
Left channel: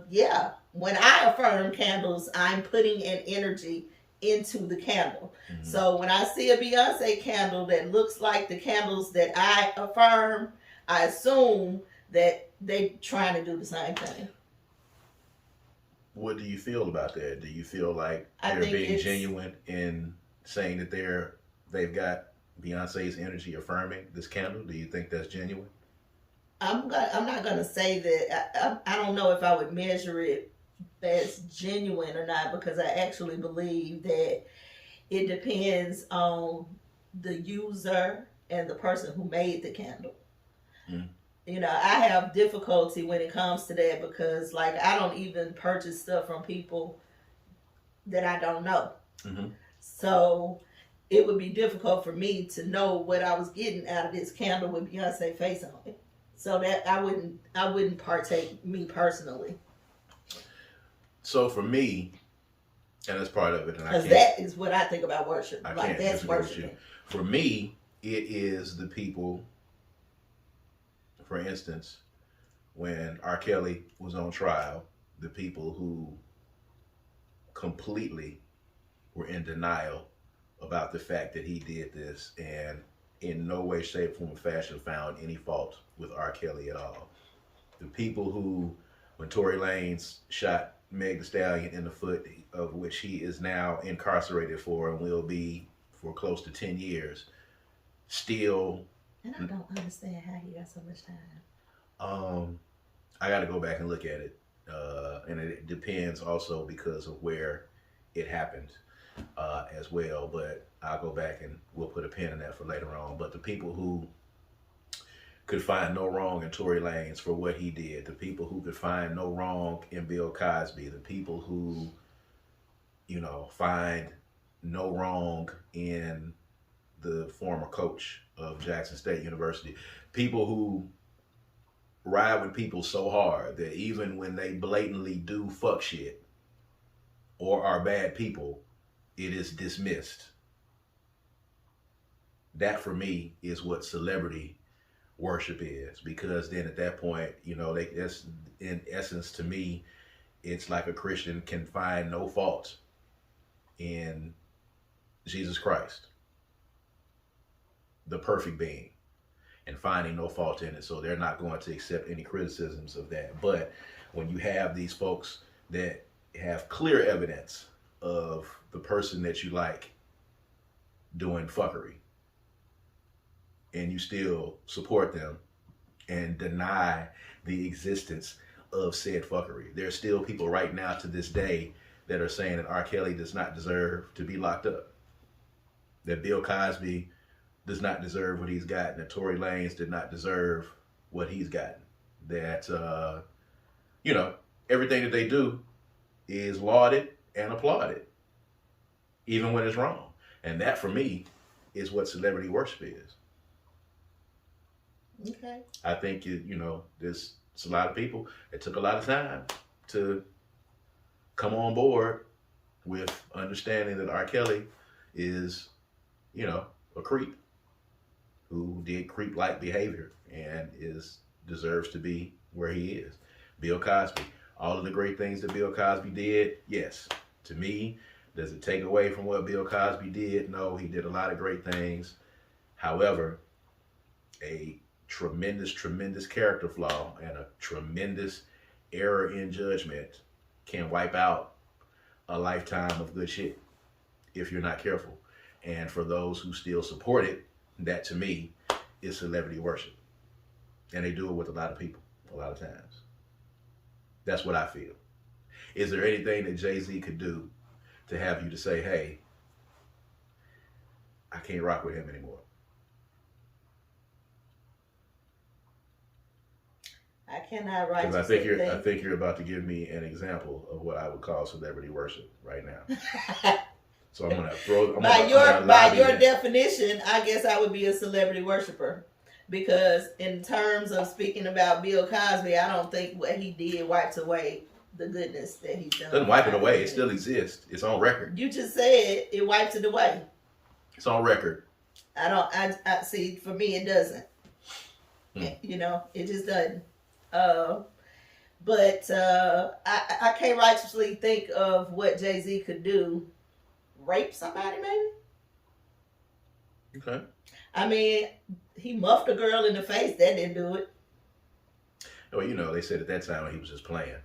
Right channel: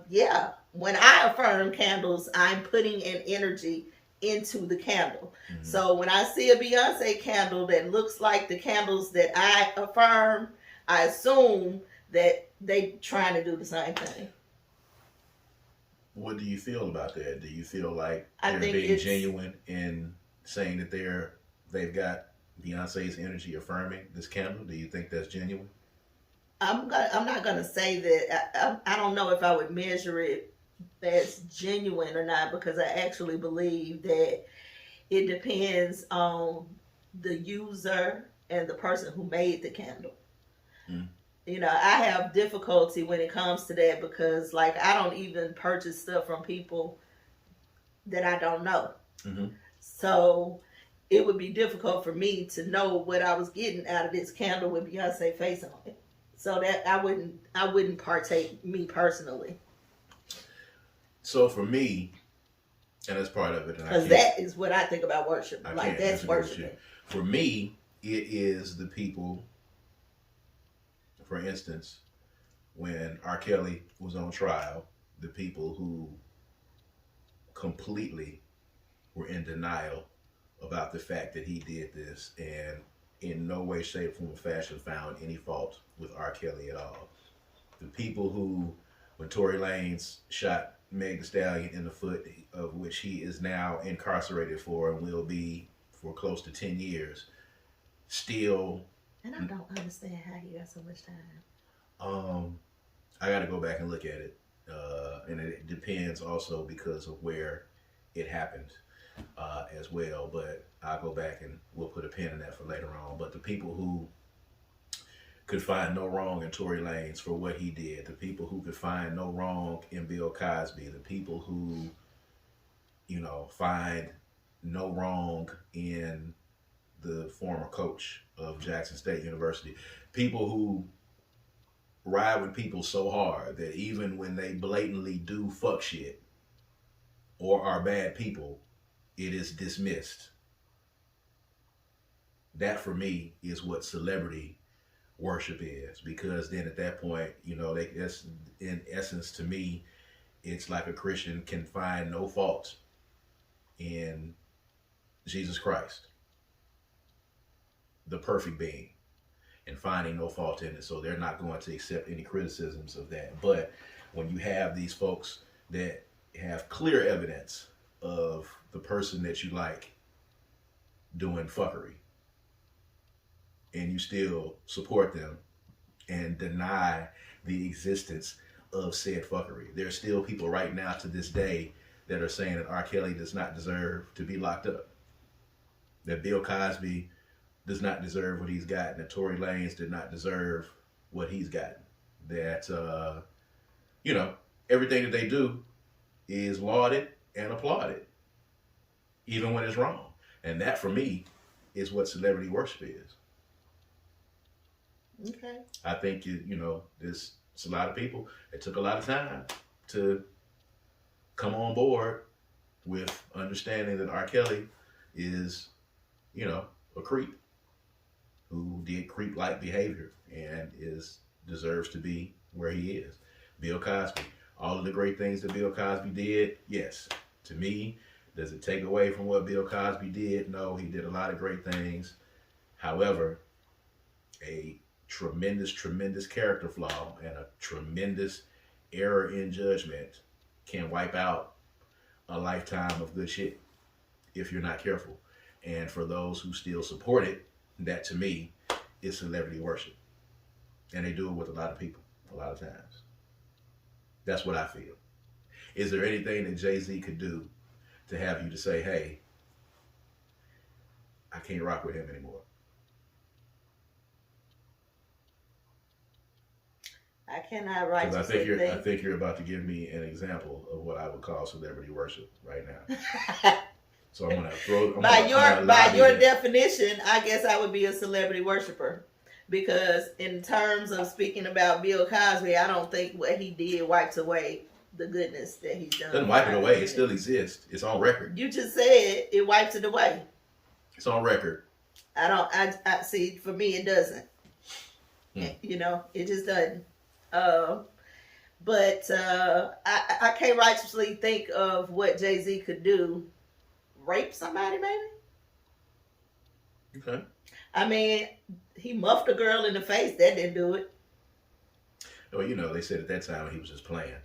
yeah. When I affirm candles, I'm putting an energy into the candle. Mm-hmm. So when I see a Beyonce candle that looks like the candles that I affirm, I assume that they trying to do the same thing. What do you feel about that? Do you feel like they're being genuine in saying that they've got Beyonce's energy affirming this candle? Do you think that's genuine? I'm not gonna say that. I don't know if I would measure it as genuine or not, because I actually believe that it depends on the user and the person who made the candle. Mm. I have difficulty when it comes to that, because I don't even purchase stuff from people that I don't know. Mm-hmm. So it would be difficult for me to know what I was getting out of this candle with Beyonce face on it. So that I wouldn't partake, me personally. So for me, and that's part of it, because that is what I think about worship. That's worship. For me, it is the people. For instance, when R. Kelly was on trial, the people who completely were in denial about the fact that he did this, and in no way, shape, form, or fashion found any fault with R. Kelly at all. The people who, when Tory Lanez shot Meg Thee Stallion in the foot, of which he is now incarcerated for and will be for close to 10 years, still... And I don't understand how he got so much time. I got to go back and look at it. And it depends also because of where it happened as well. But I'll go back and we'll put a pin in that for later on. But the people who could find no wrong in Tory Lanez for what he did, the people who could find no wrong in Bill Cosby, the people who, find no wrong in the former coach of Jackson State University. People who ride with people so hard that even when they blatantly do fuck shit or are bad people, it is dismissed. That for me is what celebrity worship is, because then at that point, you know, that's in essence to me, it's like a Christian can find no fault in Jesus Christ, the perfect being, and finding no fault in it. So they're not going to accept any criticisms of that. But when you have these folks that have clear evidence of the person that you like doing fuckery, and you still support them and deny the existence of said fuckery. There's still people right now to this day that are saying that R. Kelly does not deserve to be locked up, that Bill Cosby does not deserve what he's gotten, that Tory Lanez did not deserve what he's gotten, that, you know, everything that they do is lauded and applauded, even when it's wrong. And that, for me, is what celebrity worship is. Okay. I think, you know, there's a lot of people. It took a lot of time to come on board with understanding that R. Kelly is, you know, a creep who did creep-like behavior and deserves to be where he is. Bill Cosby, all of the great things that Bill Cosby did, yes. To me, does it take away from what Bill Cosby did? No, he did a lot of great things. However, a tremendous character flaw and a tremendous error in judgment can wipe out a lifetime of good shit if you're not careful. And for those who still support it, that to me is celebrity worship. And they do it with a lot of people, a lot of times. That's what I feel. Is there anything that Jay-Z could do to have you to say, hey, I can't rock with him anymore? I cannot write. Because I think you're about to give me an example of what I would call celebrity worship right now. So I'm gonna throw. By your definition, I guess I would be a celebrity worshiper, because in terms of speaking about Bill Cosby, I don't think what he did wipes away the goodness that he's done. Doesn't wipe it away. It still exists. It's on record. You just said it wipes it away. It's on record. I see. For me, it doesn't. You know, it just doesn't. But I can't righteously think of what Jay-Z could do. Rape somebody, maybe? Okay. I mean, he muffed a girl in the face. That didn't do it. Well, you know, they said at that time he was just playing.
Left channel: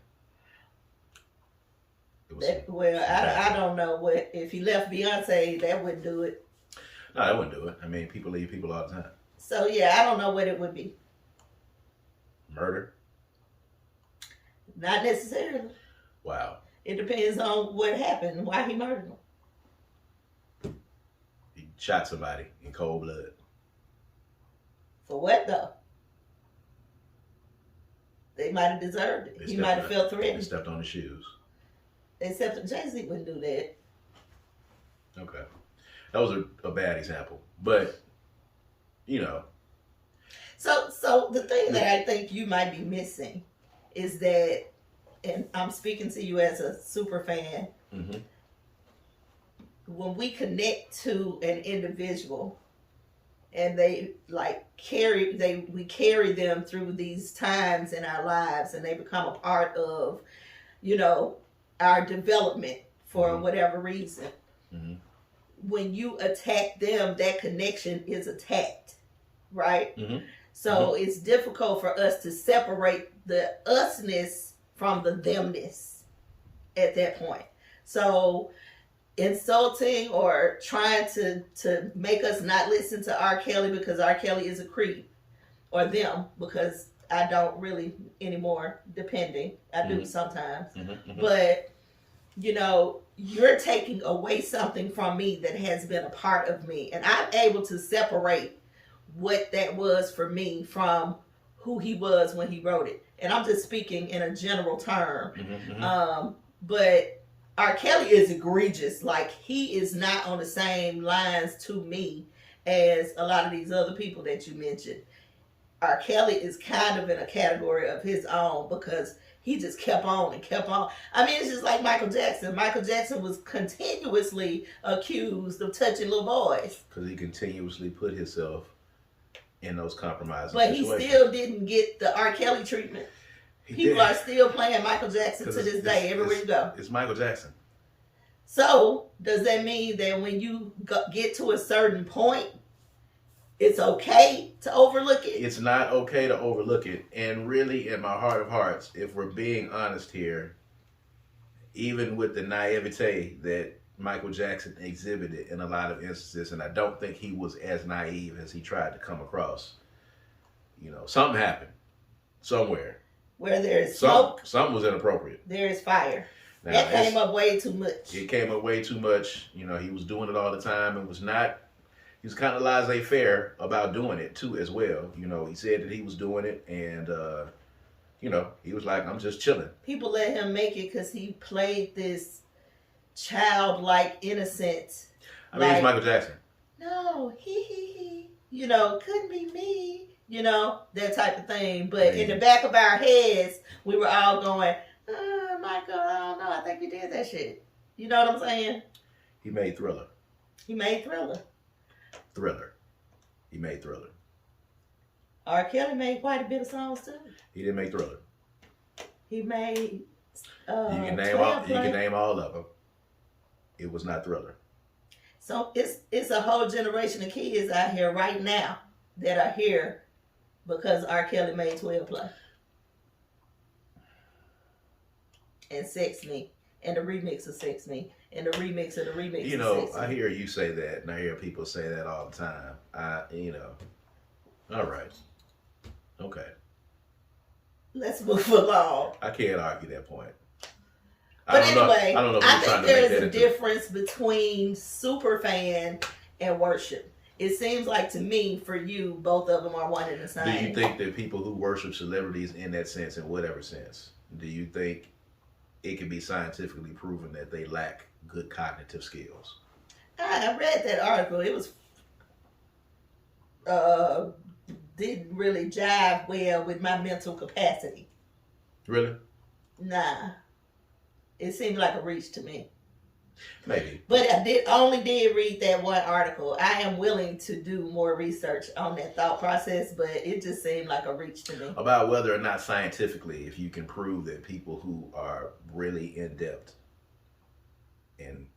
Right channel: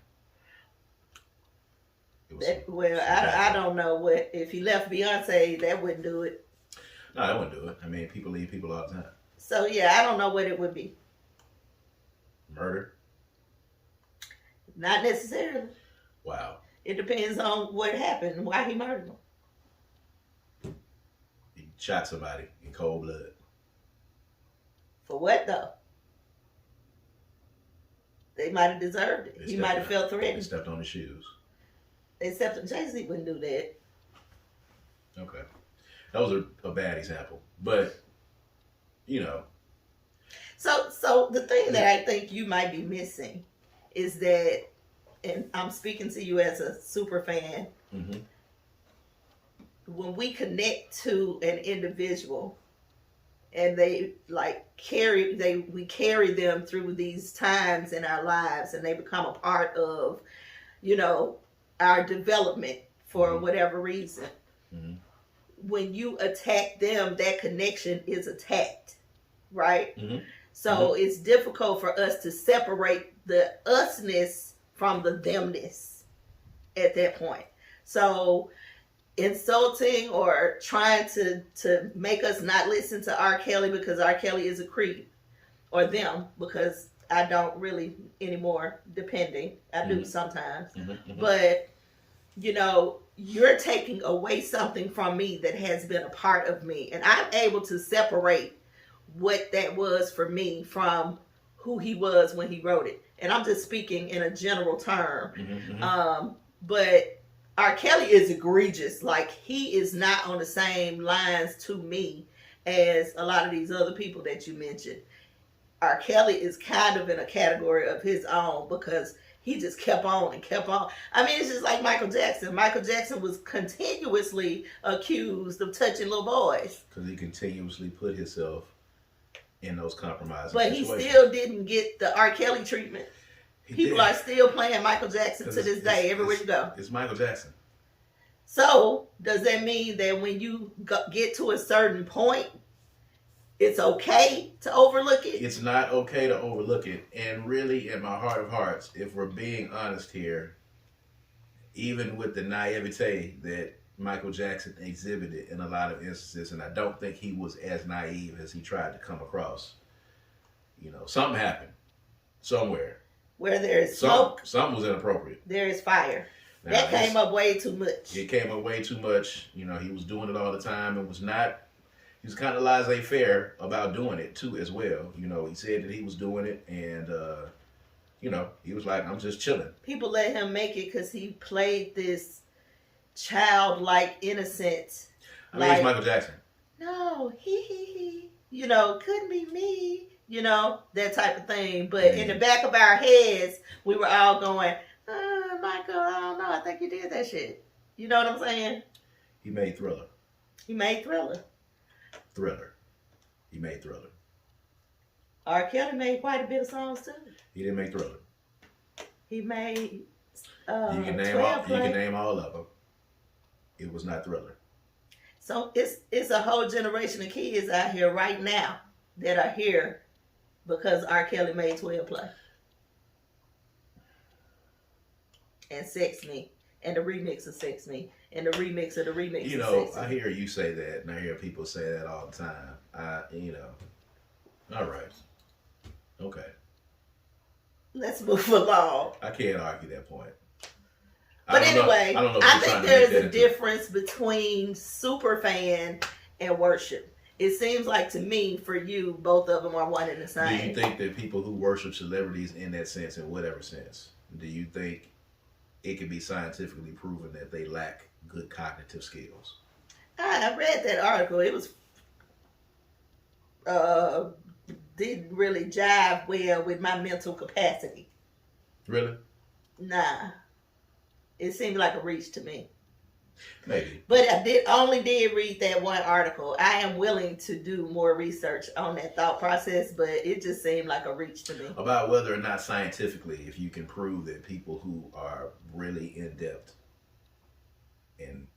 I don't know what, if he left Beyonce, that wouldn't do it. No, that wouldn't do it. I mean, people leave people all the time. So yeah, I don't know what it would be. Murder? Not necessarily. Wow. It depends on what happened, why he murdered them. He shot somebody in cold blood. For what though? They might have deserved it. He might have felt threatened. They stepped on his shoes. Except that Jay-Z wouldn't do that. Okay. That was a bad example. But, you know. So the thing that I think you might be missing is that, and I'm speaking to you as a super fan, mm-hmm. when we connect to an individual and they we carry them through these times in our lives and they become a part of, you know, our development for mm-hmm. whatever reason. Mm-hmm. When you attack them, that connection is attacked, right? Mm-hmm. So it's difficult for us to separate the usness from the themness at that point. So insulting or trying to make us not listen to R. Kelly because R. Kelly is a creep, or them because I don't really anymore, depending. I do sometimes. Mm-hmm. But, you know, you're taking away something from me that has been a part of me. And I'm able to separate what that was for me from who he was when he wrote it. And I'm just speaking in a general term. Mm-hmm. But R. Kelly is egregious. Like, he is not on the same lines to me as a lot of these other people that you mentioned. R. Kelly is kind of in a category of his own because he just kept on and kept on. I mean, it's just like Michael Jackson. Michael Jackson was continuously accused of touching little boys. Because he continuously put himself in those compromising But situations. he still didn't get the R. Kelly treatment. People are still playing Michael Jackson to this day, everywhere you go. It's Michael Jackson. So, does that mean that when you get to a certain point, it's okay to overlook it? It's not okay to overlook it. And really, in my heart of hearts, if we're being honest here, even with the naivete that Michael Jackson exhibited in a lot of instances, and I don't think he was as naive as he tried to come across, you know, something happened somewhere. Where there's smoke, something was inappropriate. There is fire. Now, that came up way too much. It came up way too much. You know, he was doing it all the time and was kind of laissez-faire about doing it too as well. You know, he said that he was doing it and, you know, he was like, I'm just chilling. People let him make it because he played this childlike innocent. I mean, it's Michael Jackson. No, he. You know, couldn't be me. You know, that type of thing. But in the back of our heads, we were all going, Michael, I don't know. I think you did that shit. You know what I'm saying? He made Thriller. He made Thriller. He made Thriller. R. Kelly made quite a bit of songs too. He didn't make Thriller. He made you can name all of them. It was not Thriller. So it's a whole generation of kids out here right now that are here because R. Kelly made 12 Play. And Sex Me. And the remix of Sex Me. And the remix of the remix you of know, Sex Me. I hear you say that, and I hear people say that all the time. You know, all right. Okay. Let's move along. I can't argue that point. But anyway, I think there's a difference between super fan and worship. It seems like to me, for you, both of them are one and the same. Do you think that people who worship celebrities in that sense, in whatever sense, do you think it can be scientifically proven that they lack good cognitive skills? I read that article. It was didn't really jive well with my mental capacity. Really? Nah. It seemed like a reach to me. Maybe. But I only did read that one article. I am willing to do more research on that thought process, but it just seemed like a reach to me. About whether or not scientifically, if you can prove that people who are really in depth and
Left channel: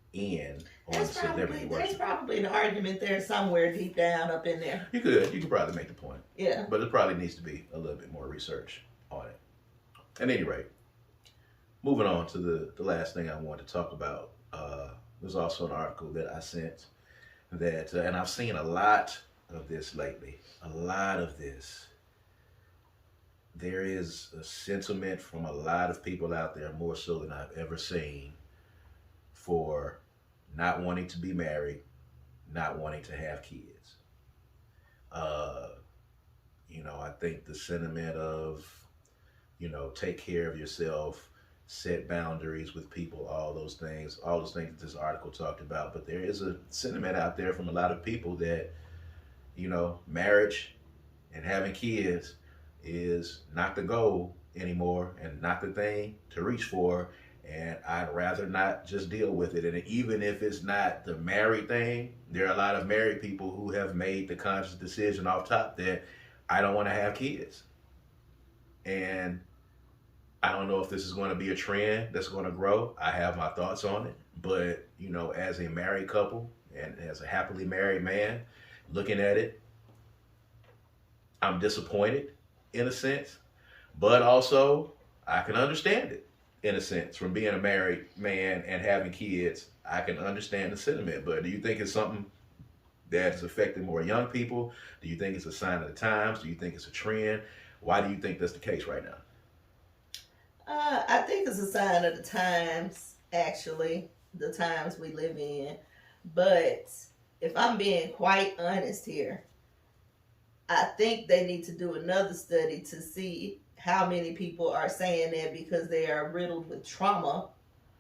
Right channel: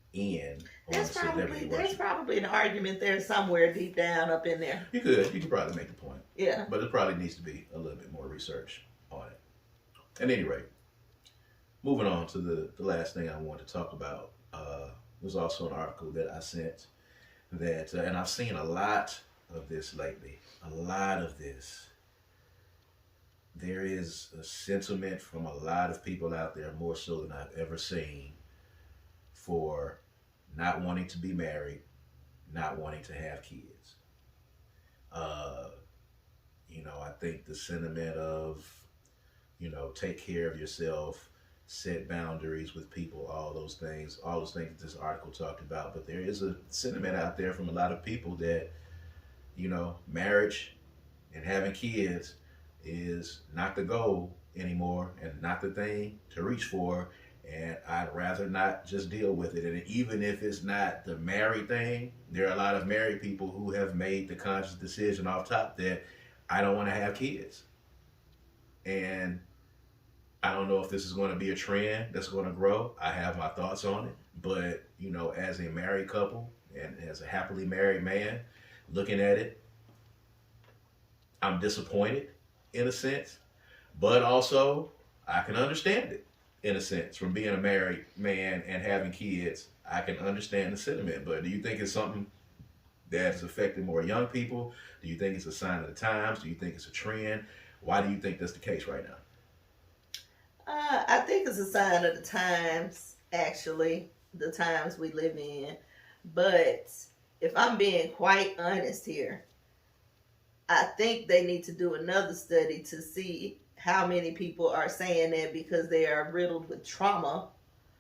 there's probably an argument there somewhere deep down up in there. You could probably make the point. Yeah. But it probably needs to be a little bit more research on it. At any rate, moving on to the last thing I wanted to talk about. There's also an article that I sent that, and I've seen a lot of this lately. A lot of this. There is a sentiment from a lot of people out there, more so than I've ever seen, for not wanting to be married, not wanting to have kids. You know, I think the sentiment of, you know, take care of yourself, set boundaries with people, all those things that this article talked about. But there is a sentiment out there from a lot of people that, you know, marriage and having kids is not the goal anymore and not the thing to reach for. And I'd rather not just deal with it. And even if it's not the married thing, there are a lot of married people who have made the conscious decision off top that I don't want to have kids. And I don't know if this is going to be a trend that's going to grow. I have my thoughts on it. But, you know, as a married couple and as a happily married man, looking at it, I'm disappointed in a sense. But also, I can understand it in a sense. From being a married man and having kids, I can understand the sentiment. But do you think it's something that's affecting more young people? Do you think it's a sign of the times? Do you think it's a trend? Why do you think that's the case right now? I think it's a sign of the times, actually, the times we live in. But if I'm being quite honest here, I think they need to do another study to see how many people are saying that because they are riddled with trauma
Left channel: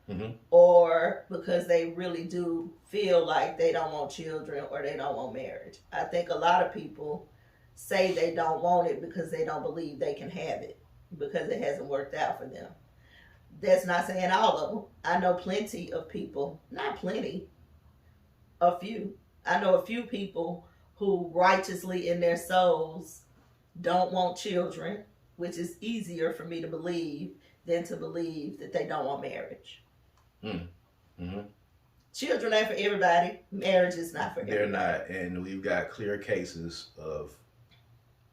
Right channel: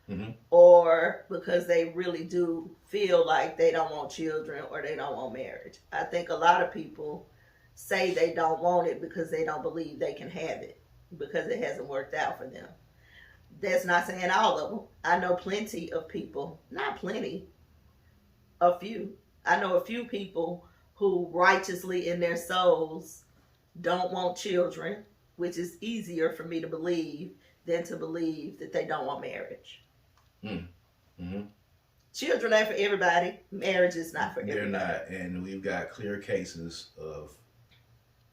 Mm-hmm. or because they really do feel like they don't want children or they don't want marriage. I think a lot of people say they don't want it because they don't believe they can have it because it hasn't worked out for them. That's not saying all of them. I know plenty of people, not plenty, a few. I know a few people who righteously in their souls don't want children, which is easier for me to believe than to believe that they don't want marriage. Mm-hmm. Children ain't for everybody. Marriage is not for They're everybody. not, and we've got clear cases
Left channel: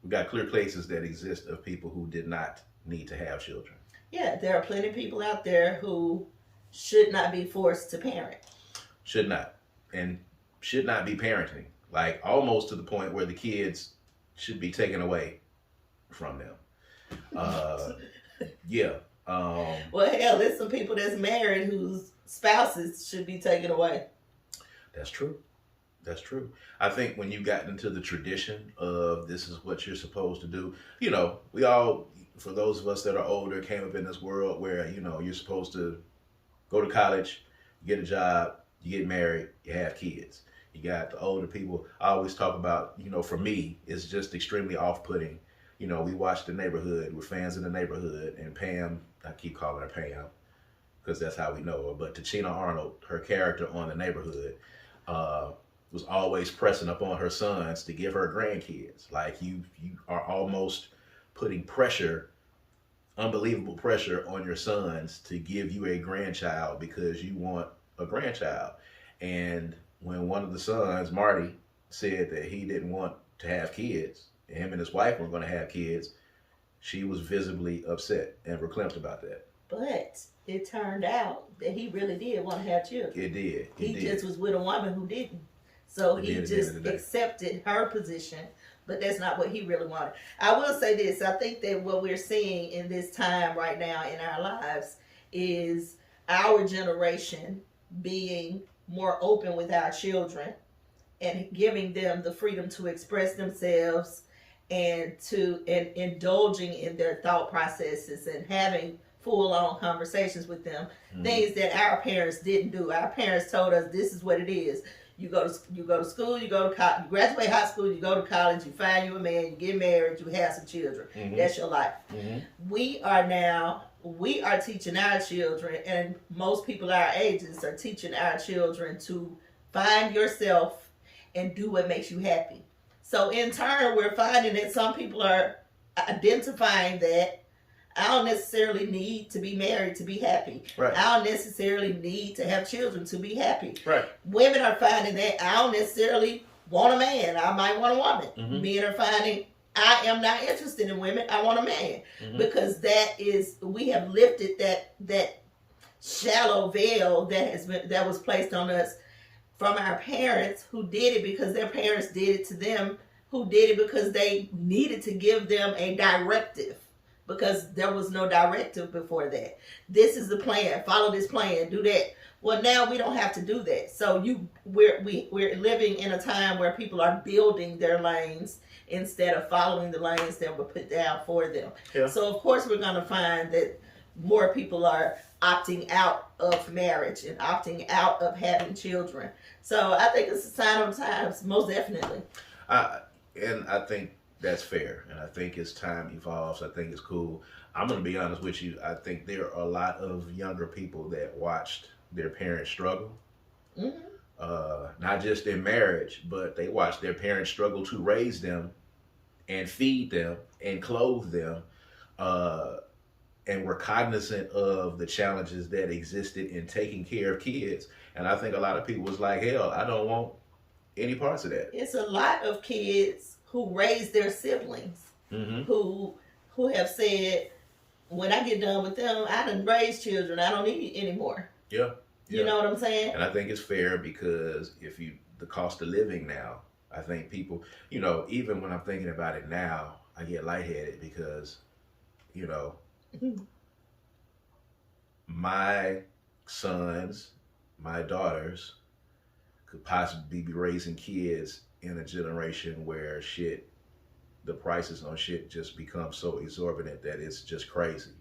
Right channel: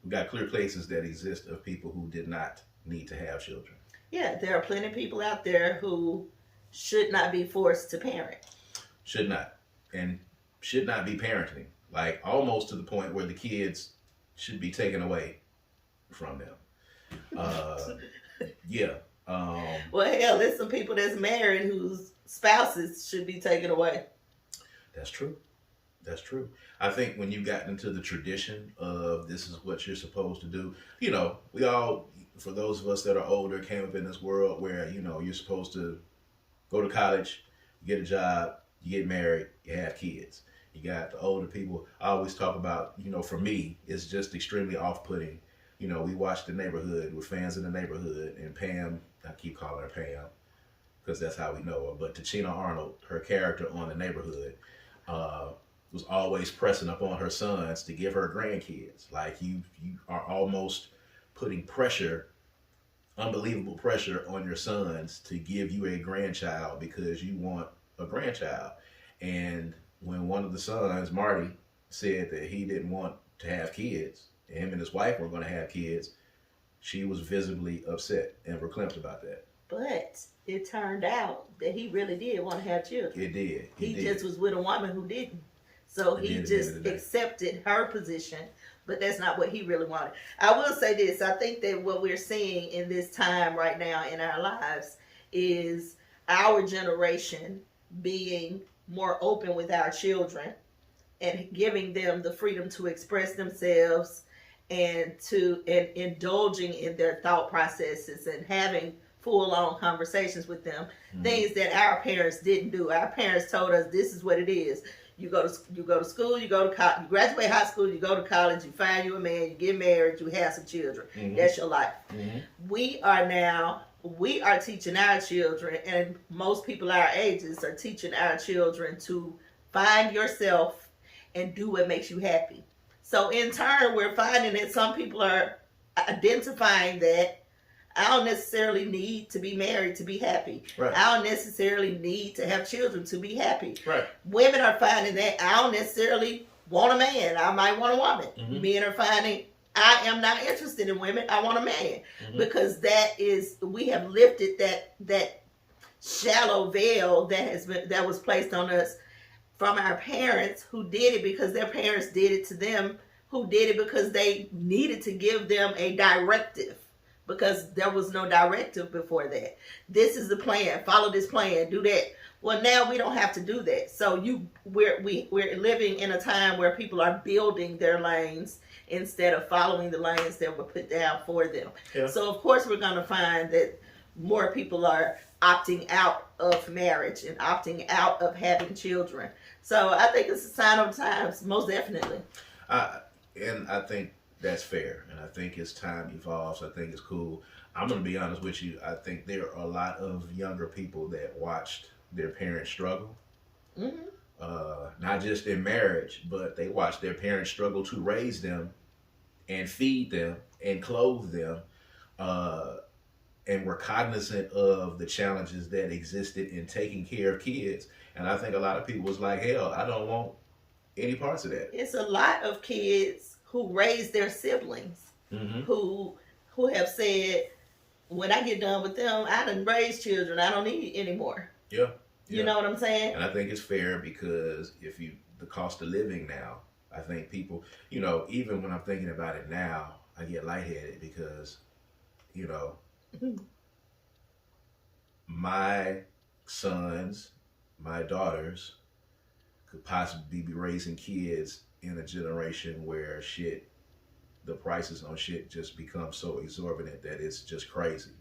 that exist of people who did not need to have children. Yeah, there are plenty of people out there who should not be forced to parent. Should not, and should not be parenting. Like almost to the point where the kids should be taken away from them. Yeah. Well, hell, there's some people that's married whose spouses should be taken away. That's true. That's true. I think when you got into the tradition of this is what you're supposed to do, you know, we all, for those of us that are older, came up in this world where, you know, you're supposed to go to college, get a job, you get married, you have kids. You got the older people. I always talk about, you know, for me, it's just extremely off-putting. You know, we watch The Neighborhood. We're fans of The Neighborhood. And Pam, I keep calling her Pam because that's how we know her. But Tachina Arnold, her character on The Neighborhood, was always pressing up on her sons to give her grandkids. Like you are almost putting pressure, unbelievable pressure on your sons to give you a grandchild because you want a grandchild. And when one of the sons, Marty, said that he didn't want to have kids, and him and his wife weren't going to have kids, she was visibly upset and verklempt about that. But it turned out that he really did want to have children. It did. He just was with a woman who didn't. So he just accepted her position, but that's not what he really wanted. I will say this. I think that what we're seeing in this time right now in our lives is our generation being more open with our children and giving them the freedom to express themselves and indulging in their thought processes and having full-on conversations with them. Things that our parents didn't do. Our parents told us this is what it is. You go to school, you go to college, you graduate high school, you go to college, you find you a man, you get married, you have some children. That's your life. We are teaching our children, and most people our ages are teaching our children to find yourself and do what makes you happy. So in turn, we're finding that some people are identifying that I don't necessarily need to be married to be happy. Right. I don't necessarily need to have children to be happy. Right. Women are finding that I don't necessarily want a man. I might want a woman. Men are finding I am not interested in women. I want a man. Because we have lifted that shallow veil that was placed on us from our parents who did it because their parents did it to them, who did it because they needed to give them a directive. Because there was no directive before that. This is the plan. Follow this plan. Do that. Well, now we don't have to do that. So we're living in a time where people are building their lanes instead of following the lanes that were put down for them. Yeah. So of course we're going to find that more people are opting out of marriage and opting out of having children. So I think it's a sign of the times, most definitely. And I think that's fair, and I think as time evolves, I think it's cool. I'm going to be honest with you. I think there are a lot of younger people that watched their parents struggle, not just in marriage, but they watched their parents struggle to raise them and feed them and clothe them, and were cognizant of the challenges that existed in taking care of kids. And I think a lot of people was like, hell, I don't want any parts of that. It's a lot of kids who raise their siblings, who have said, when I get done with them, I done raised children. I don't need any more. Yeah. You know what I'm saying? And I think it's fair because the cost of living now, I think people, you know, even when I'm thinking about it now, I get lightheaded because, you know, my sons, my daughters could possibly be raising kids in a generation where the prices on shit just become so exorbitant that it's just crazy.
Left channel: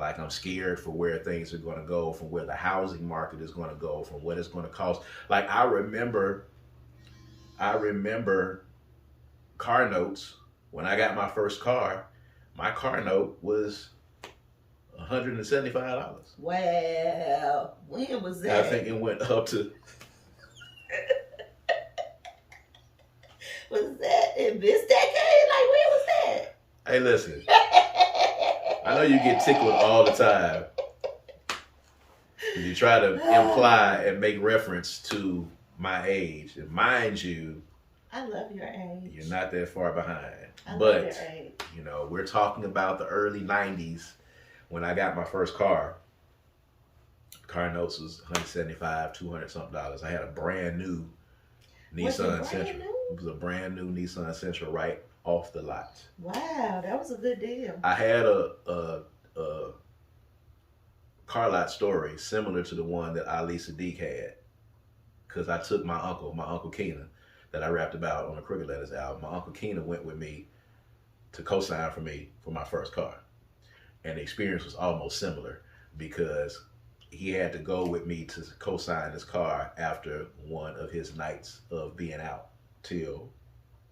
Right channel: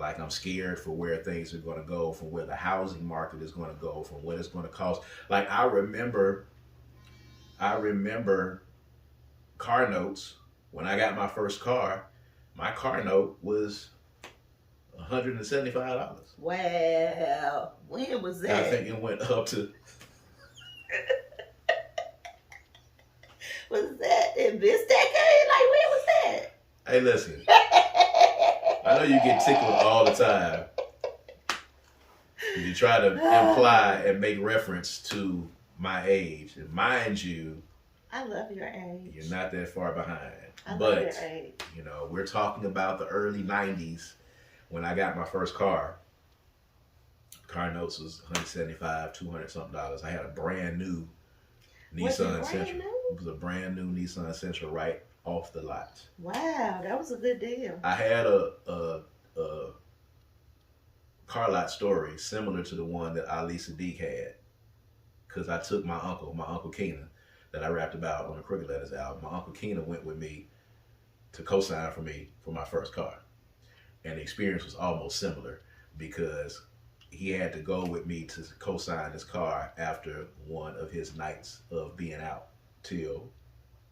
Like I'm scared for where things are going to go, from where the housing market is going to go, from what it's going to cost. Like I remember car notes when I got my first car. My car note was $175. Wow. When was that? I think it went up to. Was that in this decade? Like, when was that? Hey, listen. I know you get tickled all the time. You try to imply and make reference to my age. And mind you, I love your age. you're not that far behind. I love But, your age. you know, we're talking about the early 90s when I got my first car. Car notes was $175, $200 something dollars. I had a brand new Nissan Sentra. It was a brand new Nissan Sentra right off the lot. Wow, that was a good deal. I had a car lot story similar to the one that Ali Sadiq had, because I took my uncle Keenan, that I rapped about on the Crooked Letters album. My uncle Keenan went with me to co-sign for me for my first car, and the experience was almost similar because he had to go with me to co-sign this car after one of his nights of being out till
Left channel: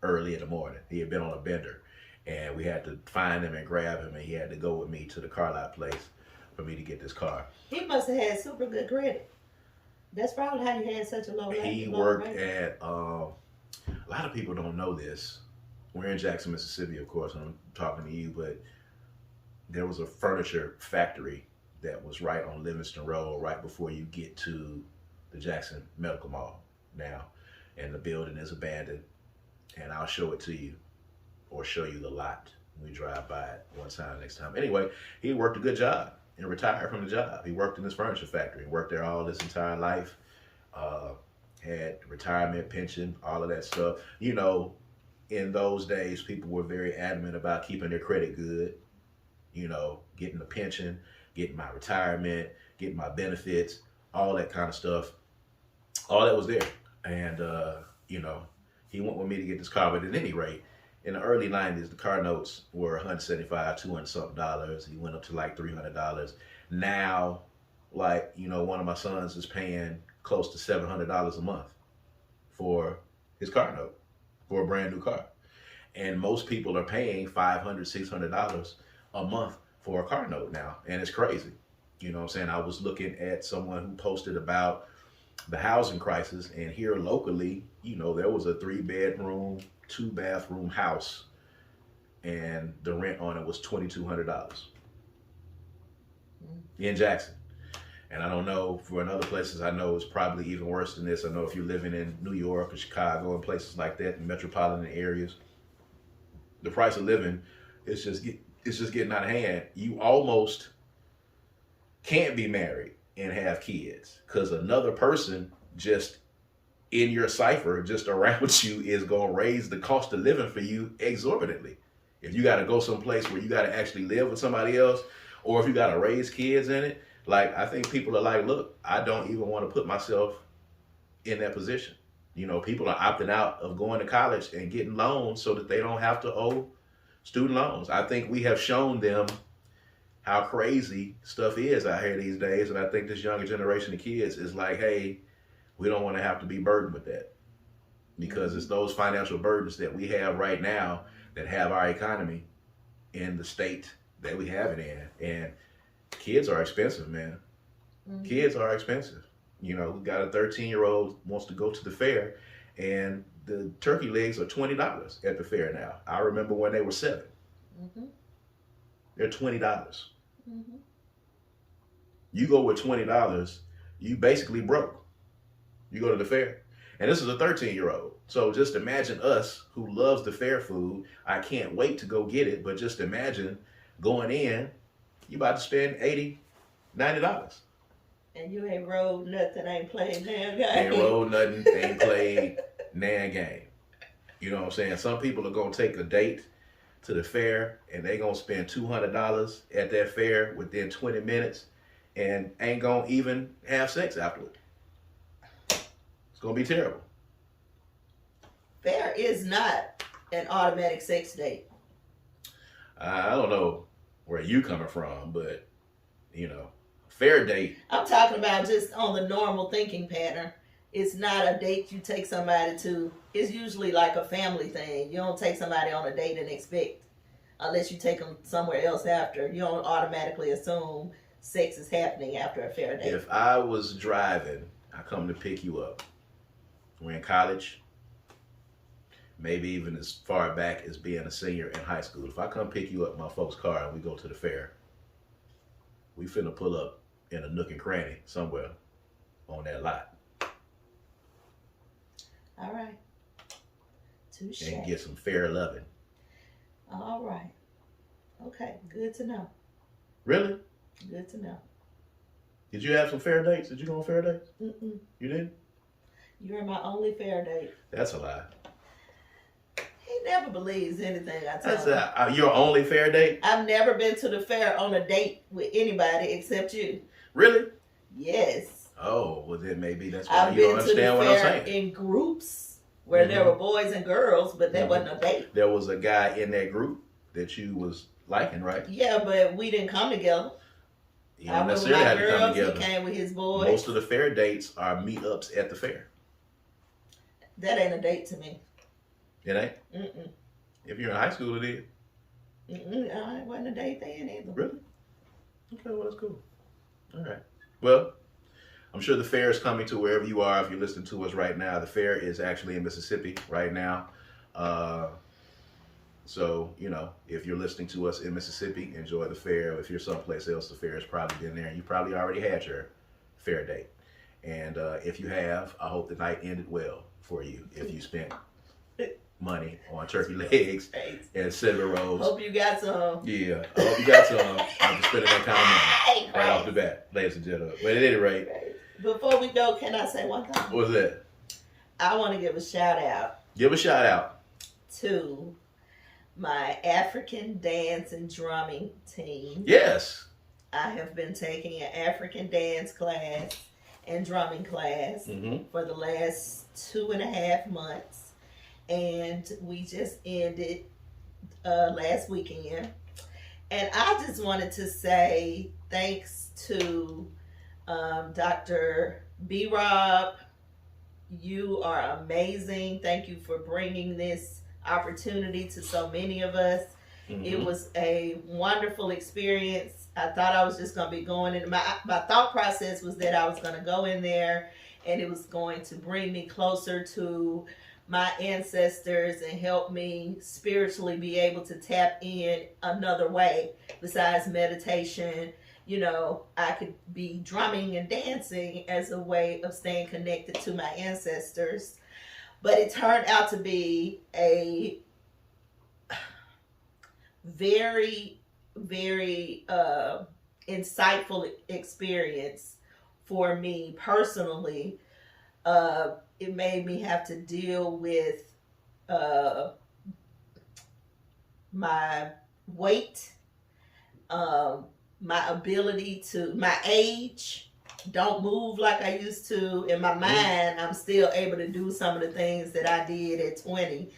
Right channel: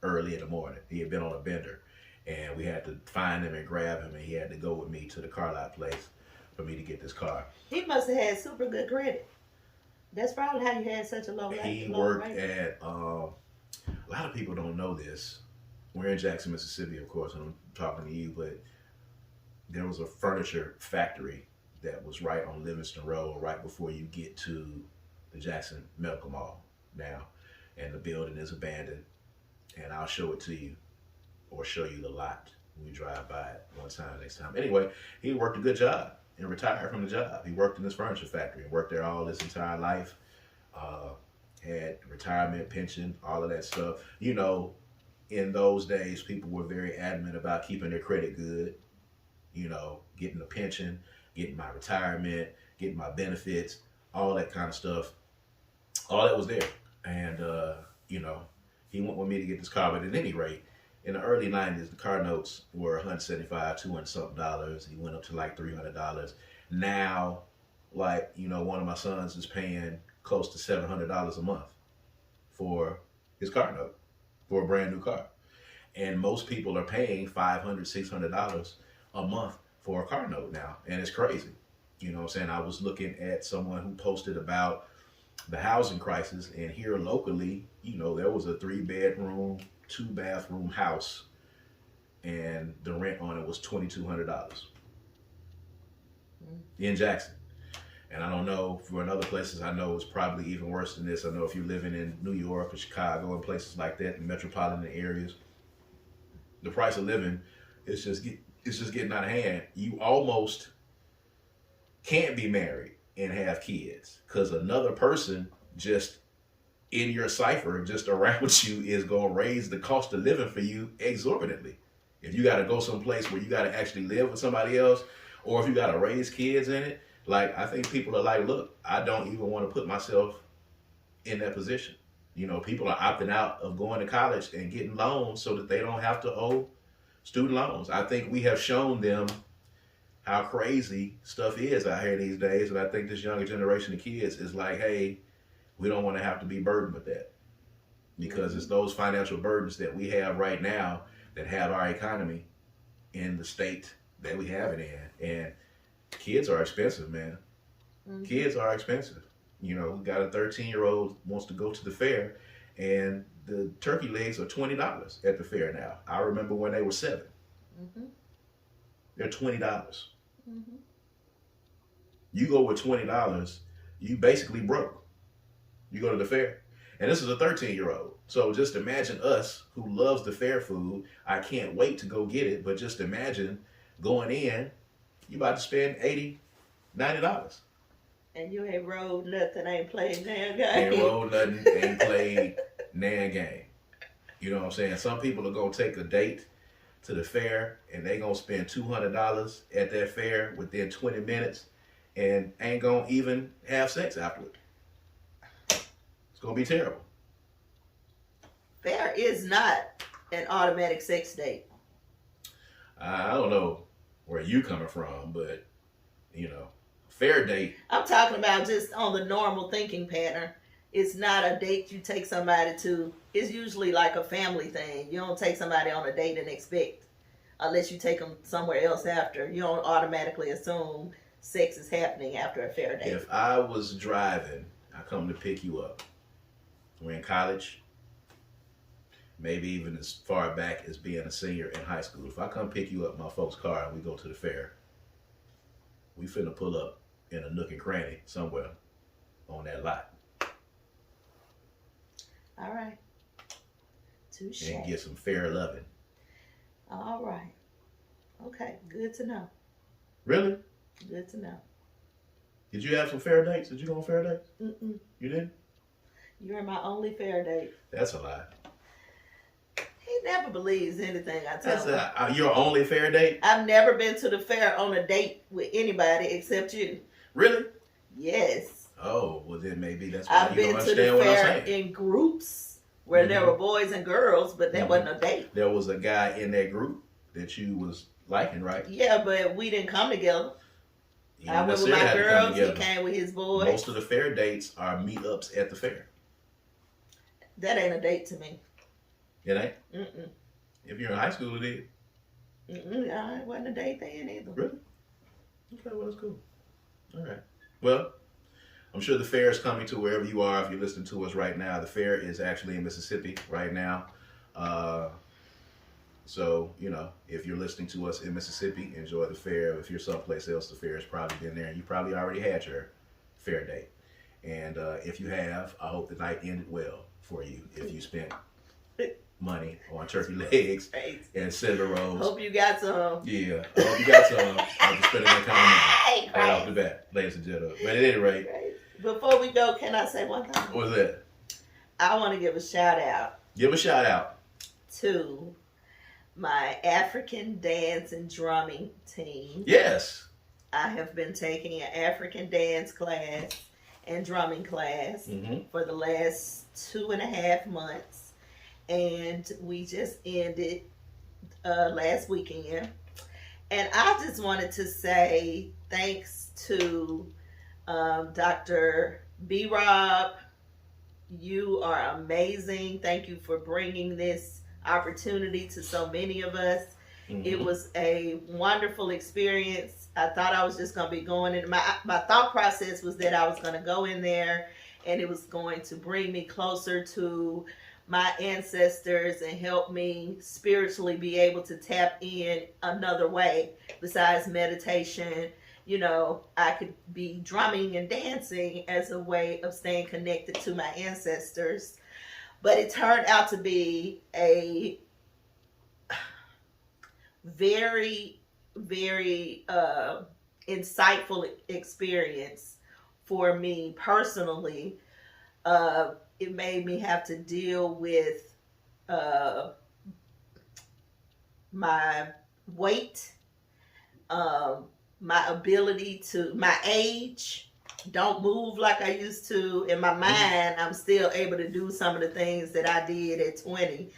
early in the morning. He had been on a bender, and we had to find him and grab him, and he had to go with me to the car lot place for me to get this car. He must have had super good credit. That's probably how you had such a low rate. He worked at, a lot of people don't know this. We're in Jackson, Mississippi, of course, and I'm talking to you, but there was a furniture factory that was right on Livingston Road, right before you get to the Jackson Medical Mall now. And the building is abandoned. And I'll show it to you, or show you the lot when we drive by it one time next time. Anyway, he worked a good job and retired from the job. He worked in this furniture factory and worked there all his entire life. Had retirement, pension, all of that stuff. You know, in those days, people were very adamant about keeping their credit good. You know, getting a pension, getting my retirement, getting my benefits, all that kind of stuff. All that was there. And, you know, he went with me to get this car. But at any rate, in the early 90s, the car notes were $175, $200 something dollars. He went up to like $300. Now, like, you know, one of my sons is paying close to $700 a month for his car note for a brand new car. And most people are paying $500, $600 a month for a car note now. And it's crazy. You know what I'm saying? I was looking at someone who posted about the housing crisis, and here locally, you know, there was a 3-bedroom, 2-bathroom house, and the rent on it was $2,200 in Jackson. And I don't know, for in other places, I know it's probably even worse than this. I know if you're living in New York or Chicago and places like that, in metropolitan areas, the price of living is just getting out of hand. You almost can't be married and have kids because another person just in your cipher, just around you, is going to raise the cost of living for you exorbitantly. If you got to go someplace where you got to actually live with somebody else, or if you got to raise kids in it, like, I think people are like, look, I don't even want to put myself in that position. You know, people are opting out of going to college and getting loans so that they don't have to owe student loans. I think we have shown them how crazy stuff is out here these days. And I think this younger generation of kids is like, hey, we don't want to have to be burdened with that, because it's those financial burdens that we have right now that have our economy in the state that we have it in. And kids are expensive, man. Mm-hmm. Kids are expensive. You know, we got a 13-year-old wants to go to the fair, and the turkey legs are $20 at the fair now. I remember when they were $7. Mm-hmm. They're $20. Mm-hmm. You go with $20, you basically broke. You go to the fair. And this is a 13-year-old. So just imagine us who loves the fair food. I can't wait to go get it, but just imagine going in, you about to spend $80, $90. And you ain't rolled nothing, ain't played nan game. Ain't rolled nothing, ain't played nan game. You know what I'm saying? Some people are going to take a date to the fair, and they going to spend $200 at that fair within 20 minutes and ain't going to even have sex afterward. It's going to be terrible. Fair is not an automatic sex date. I don't know where you coming from, but fair date. I'm talking about just on the normal thinking pattern. It's not a date you take somebody to. It's usually like a family thing. You don't take somebody on a date and expect, unless you take them somewhere else after. You don't automatically assume sex is happening after a fair date. If I was driving, I come to pick you up. We're in college, maybe even as far back as being a senior in high school. If I come pick you up in my folks' car and we go to the fair, we finna pull up in a nook and cranny somewhere on that lot. All right. Touche. And get some fair loving. All right. Okay. Good to know. Really? Good to know. Did you have some fair dates? Did you go on fair dates? Mm-mm. You didn't? You're my only fair date. That's a lie. He never believes anything I tell him. Your only fair date? I've never been to the fair on a date with anybody except you. Really? Yes. Oh, well then maybe that's why I've you don't been to the understand what I'm fair saying. in groups where there were boys and girls, but that wasn't a date. There was a guy in that group that you was liking, right? Yeah, but we didn't come together. You I didn't went with necessarily my have to come girls, he together. came with his boys. Most of the fair dates are meetups at the fair. That ain't a date to me. It ain't? Mm-mm. If you're in high school, it is. It wasn't a date then either. Really? Okay, well, that's cool. All right. Well, I'm sure the fair is coming to wherever you are if you're listening to us right now. The fair is actually in Mississippi right now. So, if you're listening to us in Mississippi, enjoy the fair. If you're someplace else, the fair has probably been there, and you probably already had your fair date. And if you have, I hope the night ended well for you if you spent money on turkey legs and cinnamon rolls. Hope you got some. Yeah, I hope you got some. I'm just spending that kind of money right off the bat, ladies and gentlemen. But at any rate, before we go, can I say one thing? what's that? I want to give a shout out. Give a shout out to my African dance and drumming team. Yes. I have been taking an African dance class and drumming class for the last 2.5 months. And we just ended last weekend. And I just wanted to say thanks to Dr. B. Rob. You are amazing. Thank you for bringing this opportunity to so many of us. It was a wonderful experience. I thought I was just going to be going in. My thought process was that I was going to go in there and it was going to bring me closer to my ancestors and help me spiritually be able to tap in another way besides meditation. I could be drumming and dancing as a way of staying connected to my ancestors. But it turned out to be a very, very insightful experience for me personally. It made me have to deal with my weight, my ability to, my age, don't move like I used to. In my mind, I'm still able to do some of the things that I did at 20.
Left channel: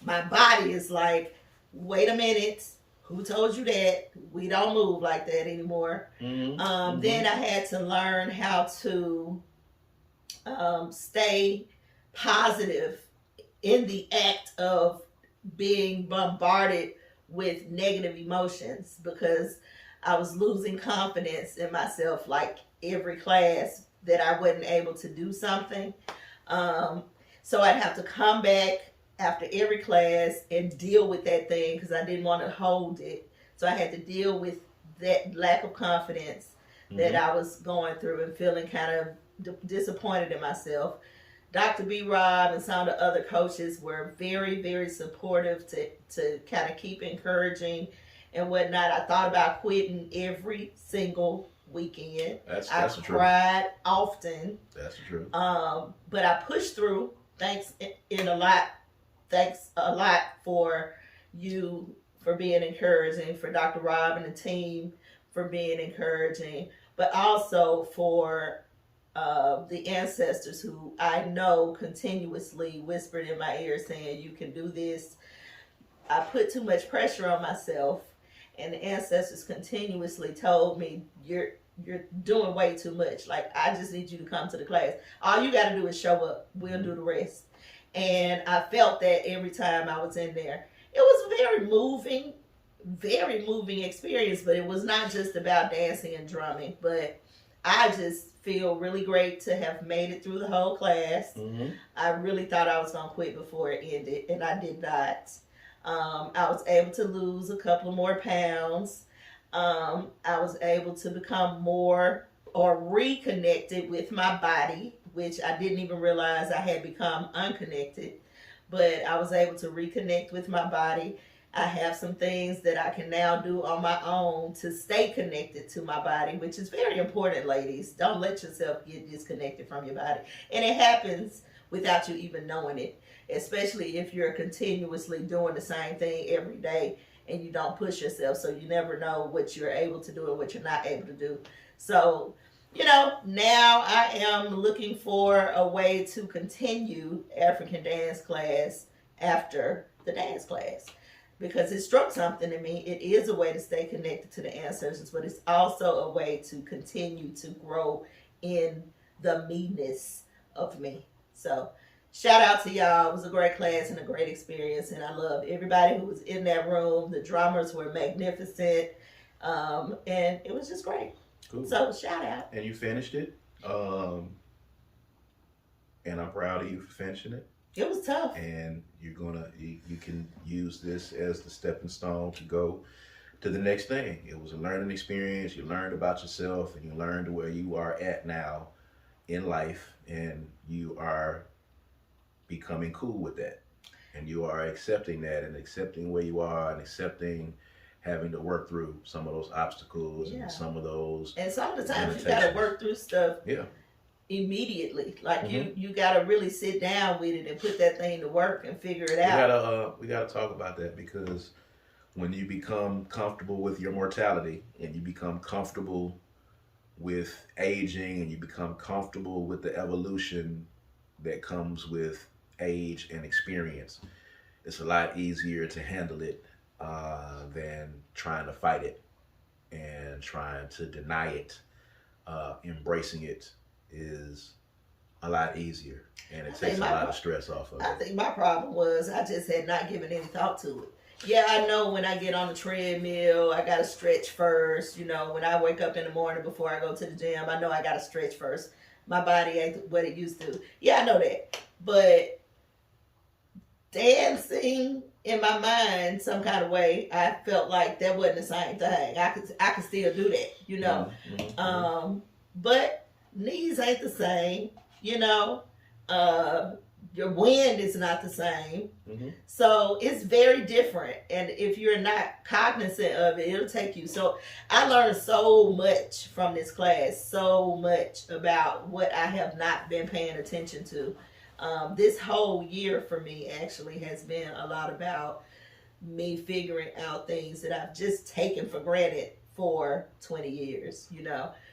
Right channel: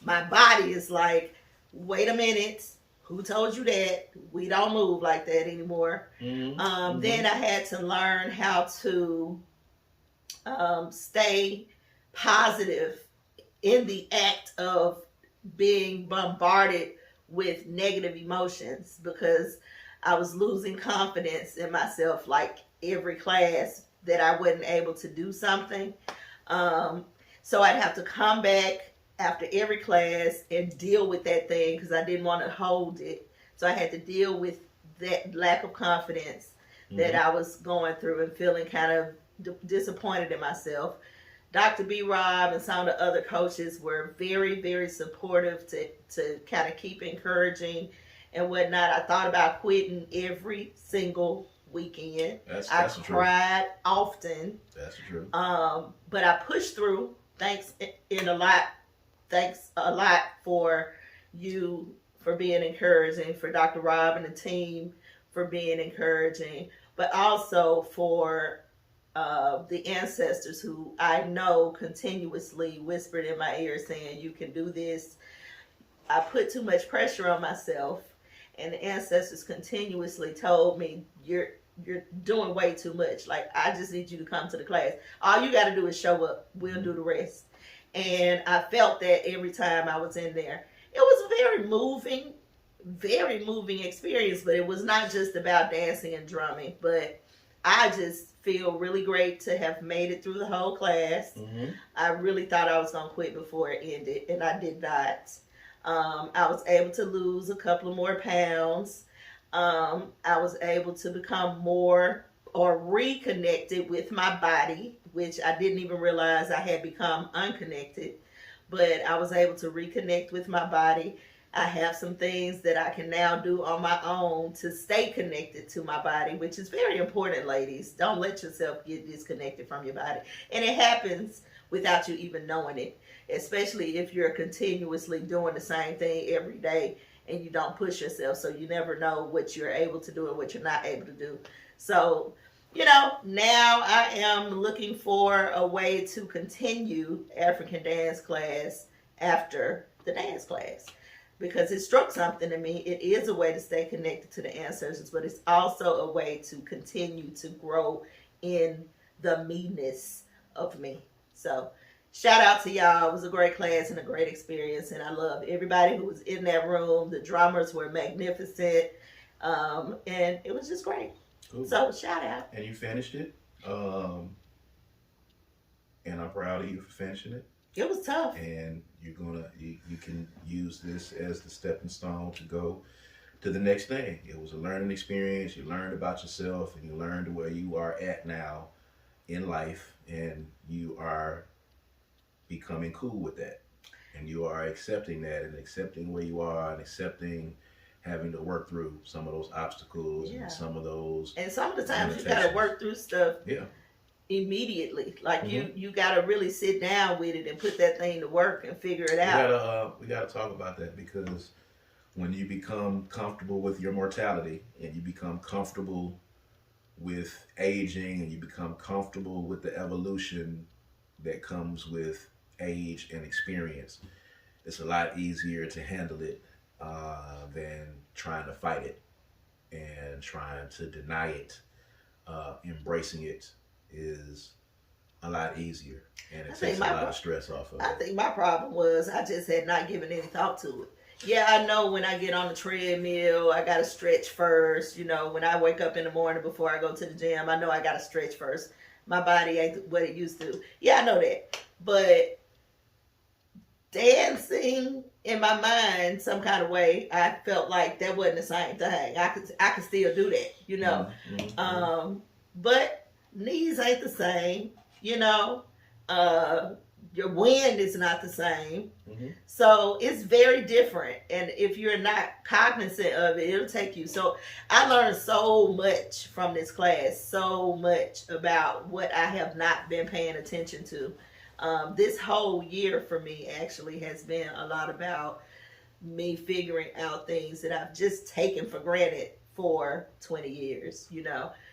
My body is like, wait a minute, who told you that? We don't move like that anymore. Then I had to learn how to stay positive in the act of being bombarded with negative emotions, because I was losing confidence in myself like every class that I wasn't able to do something. So I'd have to come back after every class and deal with that thing because I didn't want to hold it. So I had to deal with that lack of confidence that I was going through and feeling kind of disappointed in myself. Dr. B. Rob and some of the other coaches were very, very supportive to kind of keep encouraging and whatnot. I thought about quitting every single weekend. That's I cried often. That's true. But I pushed through. Thanks a lot for you for being encouraging, for Dr. Rob and the team for being encouraging, but also for the ancestors who I know continuously whispered in my ear saying, you can do this. I put too much pressure on myself, and the ancestors continuously told me, you're doing way too much. Like, I just need you to come to the class. All you got to do is show up. We'll do the rest. And I felt that every time I was in there. It was very moving experience, but it was not just about dancing and drumming. But I just feel really great to have made it through the whole class. Mm-hmm. I really thought I was going to quit before it ended, and I did not. I was able to lose a couple of more pounds. I was able to become more or reconnected with my body, which I didn't even realize I had become unconnected. But I was able to reconnect with my body. I have some things that I can now do on my own to stay connected to my body, which is very important, ladies. Don't let yourself get disconnected from your body. And it happens without you even knowing it, especially if you're continuously doing the same thing every day and you don't push yourself. So you never know what you're able to do and what you're not able to do. So, now I am looking for a way to continue African dance class after the dance class, because it struck something in me. It is a way to stay connected to the ancestors, but it's also a way to continue to grow in the me-ness of me. So shout out to y'all. It was a great class and a great experience, and I love everybody who was in that room. The drummers were magnificent, and it was just great. Cool. So shout out. And you finished it, and I'm proud of you for finishing it. It was tough. And you can use this as the stepping stone to go to the next thing. It was a learning experience. You learned about yourself, and you learned where you are at now in life, and you are becoming cool with that. And you are accepting that, and accepting where you are, and accepting having to work through some of those obstacles and some of those. And some of the times you got to work through stuff. Yeah. Immediately, like you got to really sit down with it and put that thing to work and figure it out. We gotta talk about that, because when you become comfortable with your mortality, and you become comfortable with aging, and you become comfortable with the evolution that comes with age and experience, it's a lot easier to handle it than trying to fight it and trying to deny it. Embracing it is a lot easier, and it takes a lot of stress off of it. I think my problem was I just had not given any thought to it. Yeah, I know when I get on the treadmill, I got to stretch first. When I wake up in the morning before I go to the gym, I know I got to stretch first. My body ain't what it used to. Yeah, I know that. But dancing, in my mind, some kind of way, I felt like that wasn't the same thing. I could still do that, Mm-hmm. But knees ain't the same, your wind is not the same. Mm-hmm. So it's very different. And if you're not cognizant of it, it'll take you. So I learned so much from this class, so much about what I have not been paying attention to. This whole year for me actually has been a lot about me figuring out things that I've just taken for granted for 20 years,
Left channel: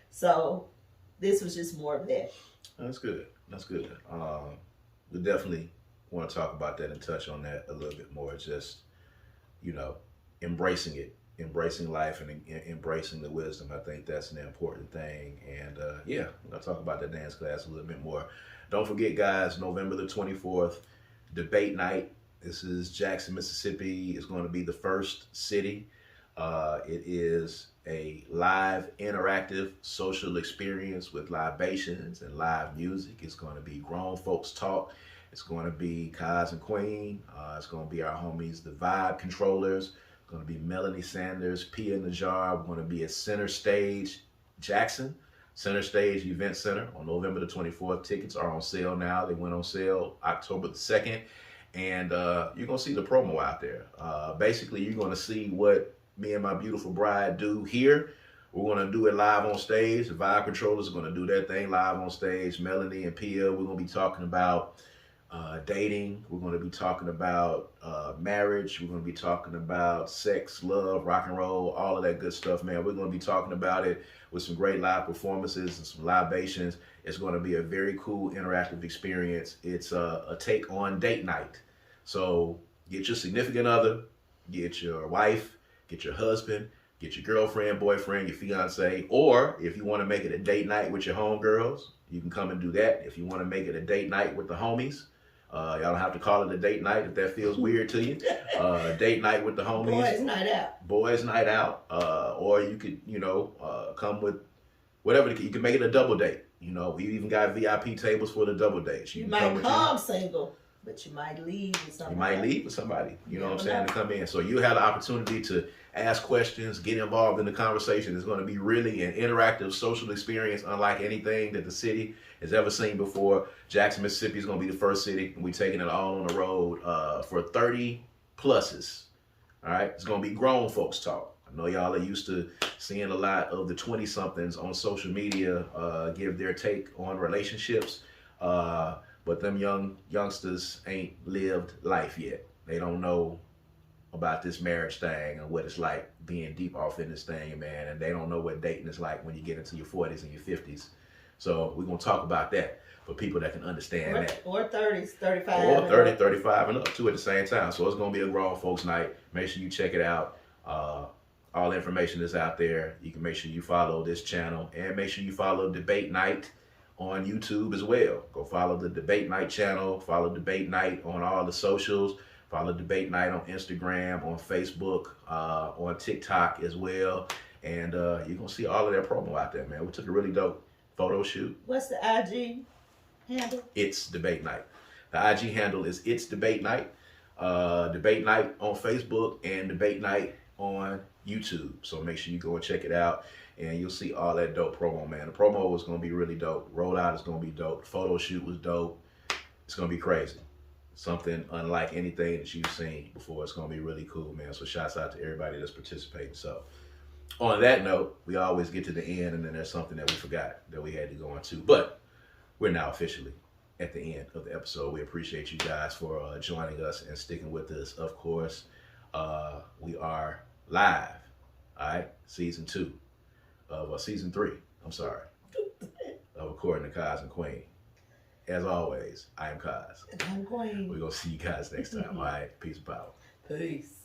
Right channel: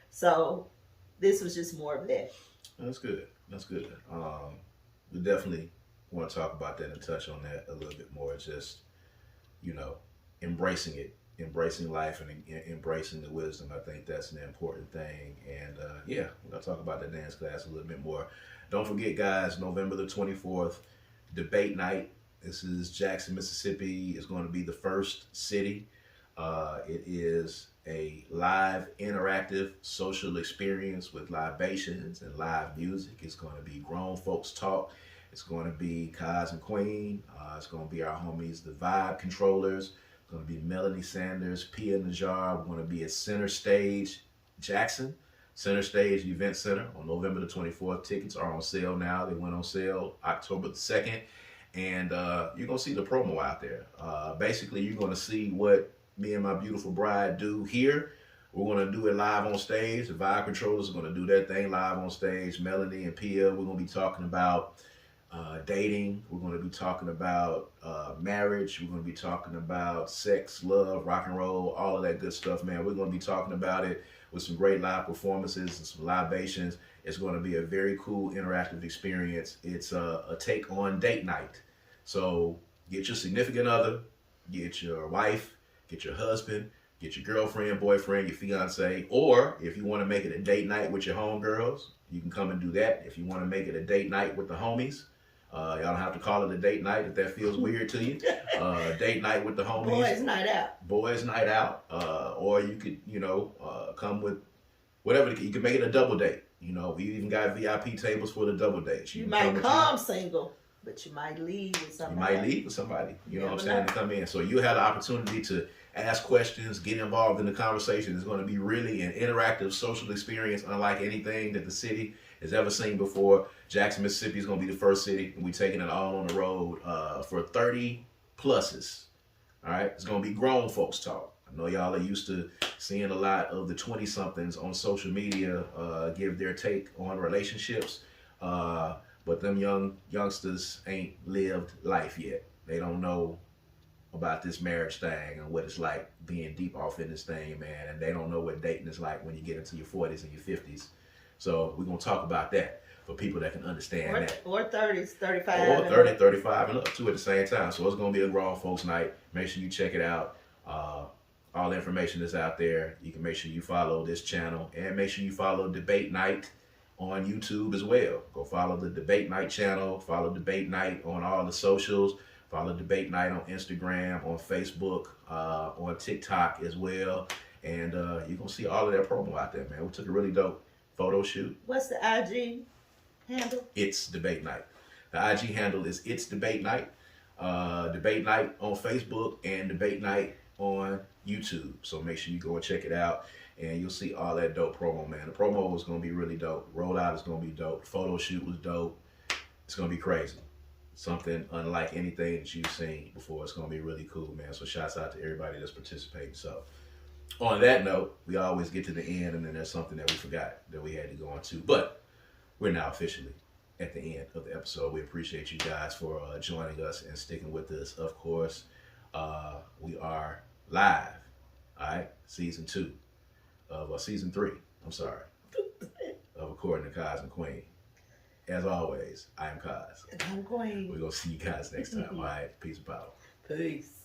So this was just more of that. That's good. We definitely want to talk about that and touch on that a little bit more. Just, embracing it, embracing life, and embracing the wisdom. I think that's an important thing. And we're going to talk about that dance class a little bit more. Don't forget, guys, November the 24th, debate night. This is Jackson, Mississippi. It's going to be the first city. It is a live, interactive, social experience with libations and live music. It's going to be grown folks talk. It's going to be Kaz and Queen. It's going to be our homies, the Vibe Controllers. It's going to be Melanie Sanders, Pia Najar. We're going to be at Center Stage, Jackson. Center Stage Event Center on November the 24th. Tickets are on sale now. They went on sale October the 2nd. And you're going to see the promo out there. Basically, you're going to see what me and my beautiful bride do here. We're going to do it live on stage. The Vibe Controllers are going to do their thing live on stage. Melanie and Pia, we're going to be talking about dating. We're going to be talking about marriage. We're going to be talking about sex, love, rock and roll, all of that good stuff, man. We're going to be talking about it with some great live performances and some libations. It's going to be a very cool, interactive experience. It's a take on date night. So get your significant other, get your wife, get your husband, Get your girlfriend, boyfriend, your fiance, or if you want to make it a date night with your homegirls, you can come and do that. If you want to make it a date night with the homies, y'all don't have to call it a date night if that feels weird to you. Date night with the homies. Boys night out. Boys night out. Or you could, come with whatever. You can make it a double date. We even got VIP tables for the double dates. You might come single, but you might leave with somebody. You might leave with somebody, you know what I'm saying, to come in. So you have the opportunity to ask questions, get involved in the conversation. It's going to be really an interactive social experience unlike anything that the city has ever seen before. Jackson, Mississippi is going to be the first city. We're taking it all on the road for 30 pluses. All right. It's going to be grown folks talk. I know y'all are used to seeing a lot of the 20-somethings on social media give their take on relationships. But them youngsters ain't lived life yet. They don't know about this marriage thing and what it's like being deep off in this thing, man. And they don't know what dating is like when you get into your 40s and your 50s. So we're going to talk about that for people that can understand that. Or 30s, 35. Or 30, 35 and up too at the same time. So it's going to be a grown folks night. Make sure you check it out. All the information is out there. You can make sure you follow this channel and make sure you follow Debate Night on YouTube as well. Go follow the Debate Night channel. Follow Debate Night on all the socials. Follow Debate Night on Instagram, on Facebook, on TikTok as well. And you're going to see all of that promo out there, man. We took a really dope photo shoot. What's the IG handle? It's Debate Night. The IG handle is It's Debate Night. Debate Night on Facebook and Debate Night on YouTube. So make sure you go and check it out. And you'll see all that dope promo, man. The promo was going to be really dope. Rollout is going to be dope. The photo shoot was dope. It's going to be crazy. Something unlike anything that you've seen before. It's going to be really cool, man. So shouts out to everybody that's participating. So on that note, we always get to the end and then there's something that we forgot that we had to go on to. But we're now officially at the end of the episode. We appreciate you guys for joining us and sticking with us. Of course, we are live, all right? Season 3, I'm sorry, of According to Kaz Queen. As always, I am Kaz. I'm Queen. We're going to see you guys next time, all right? Peace and power. Peace.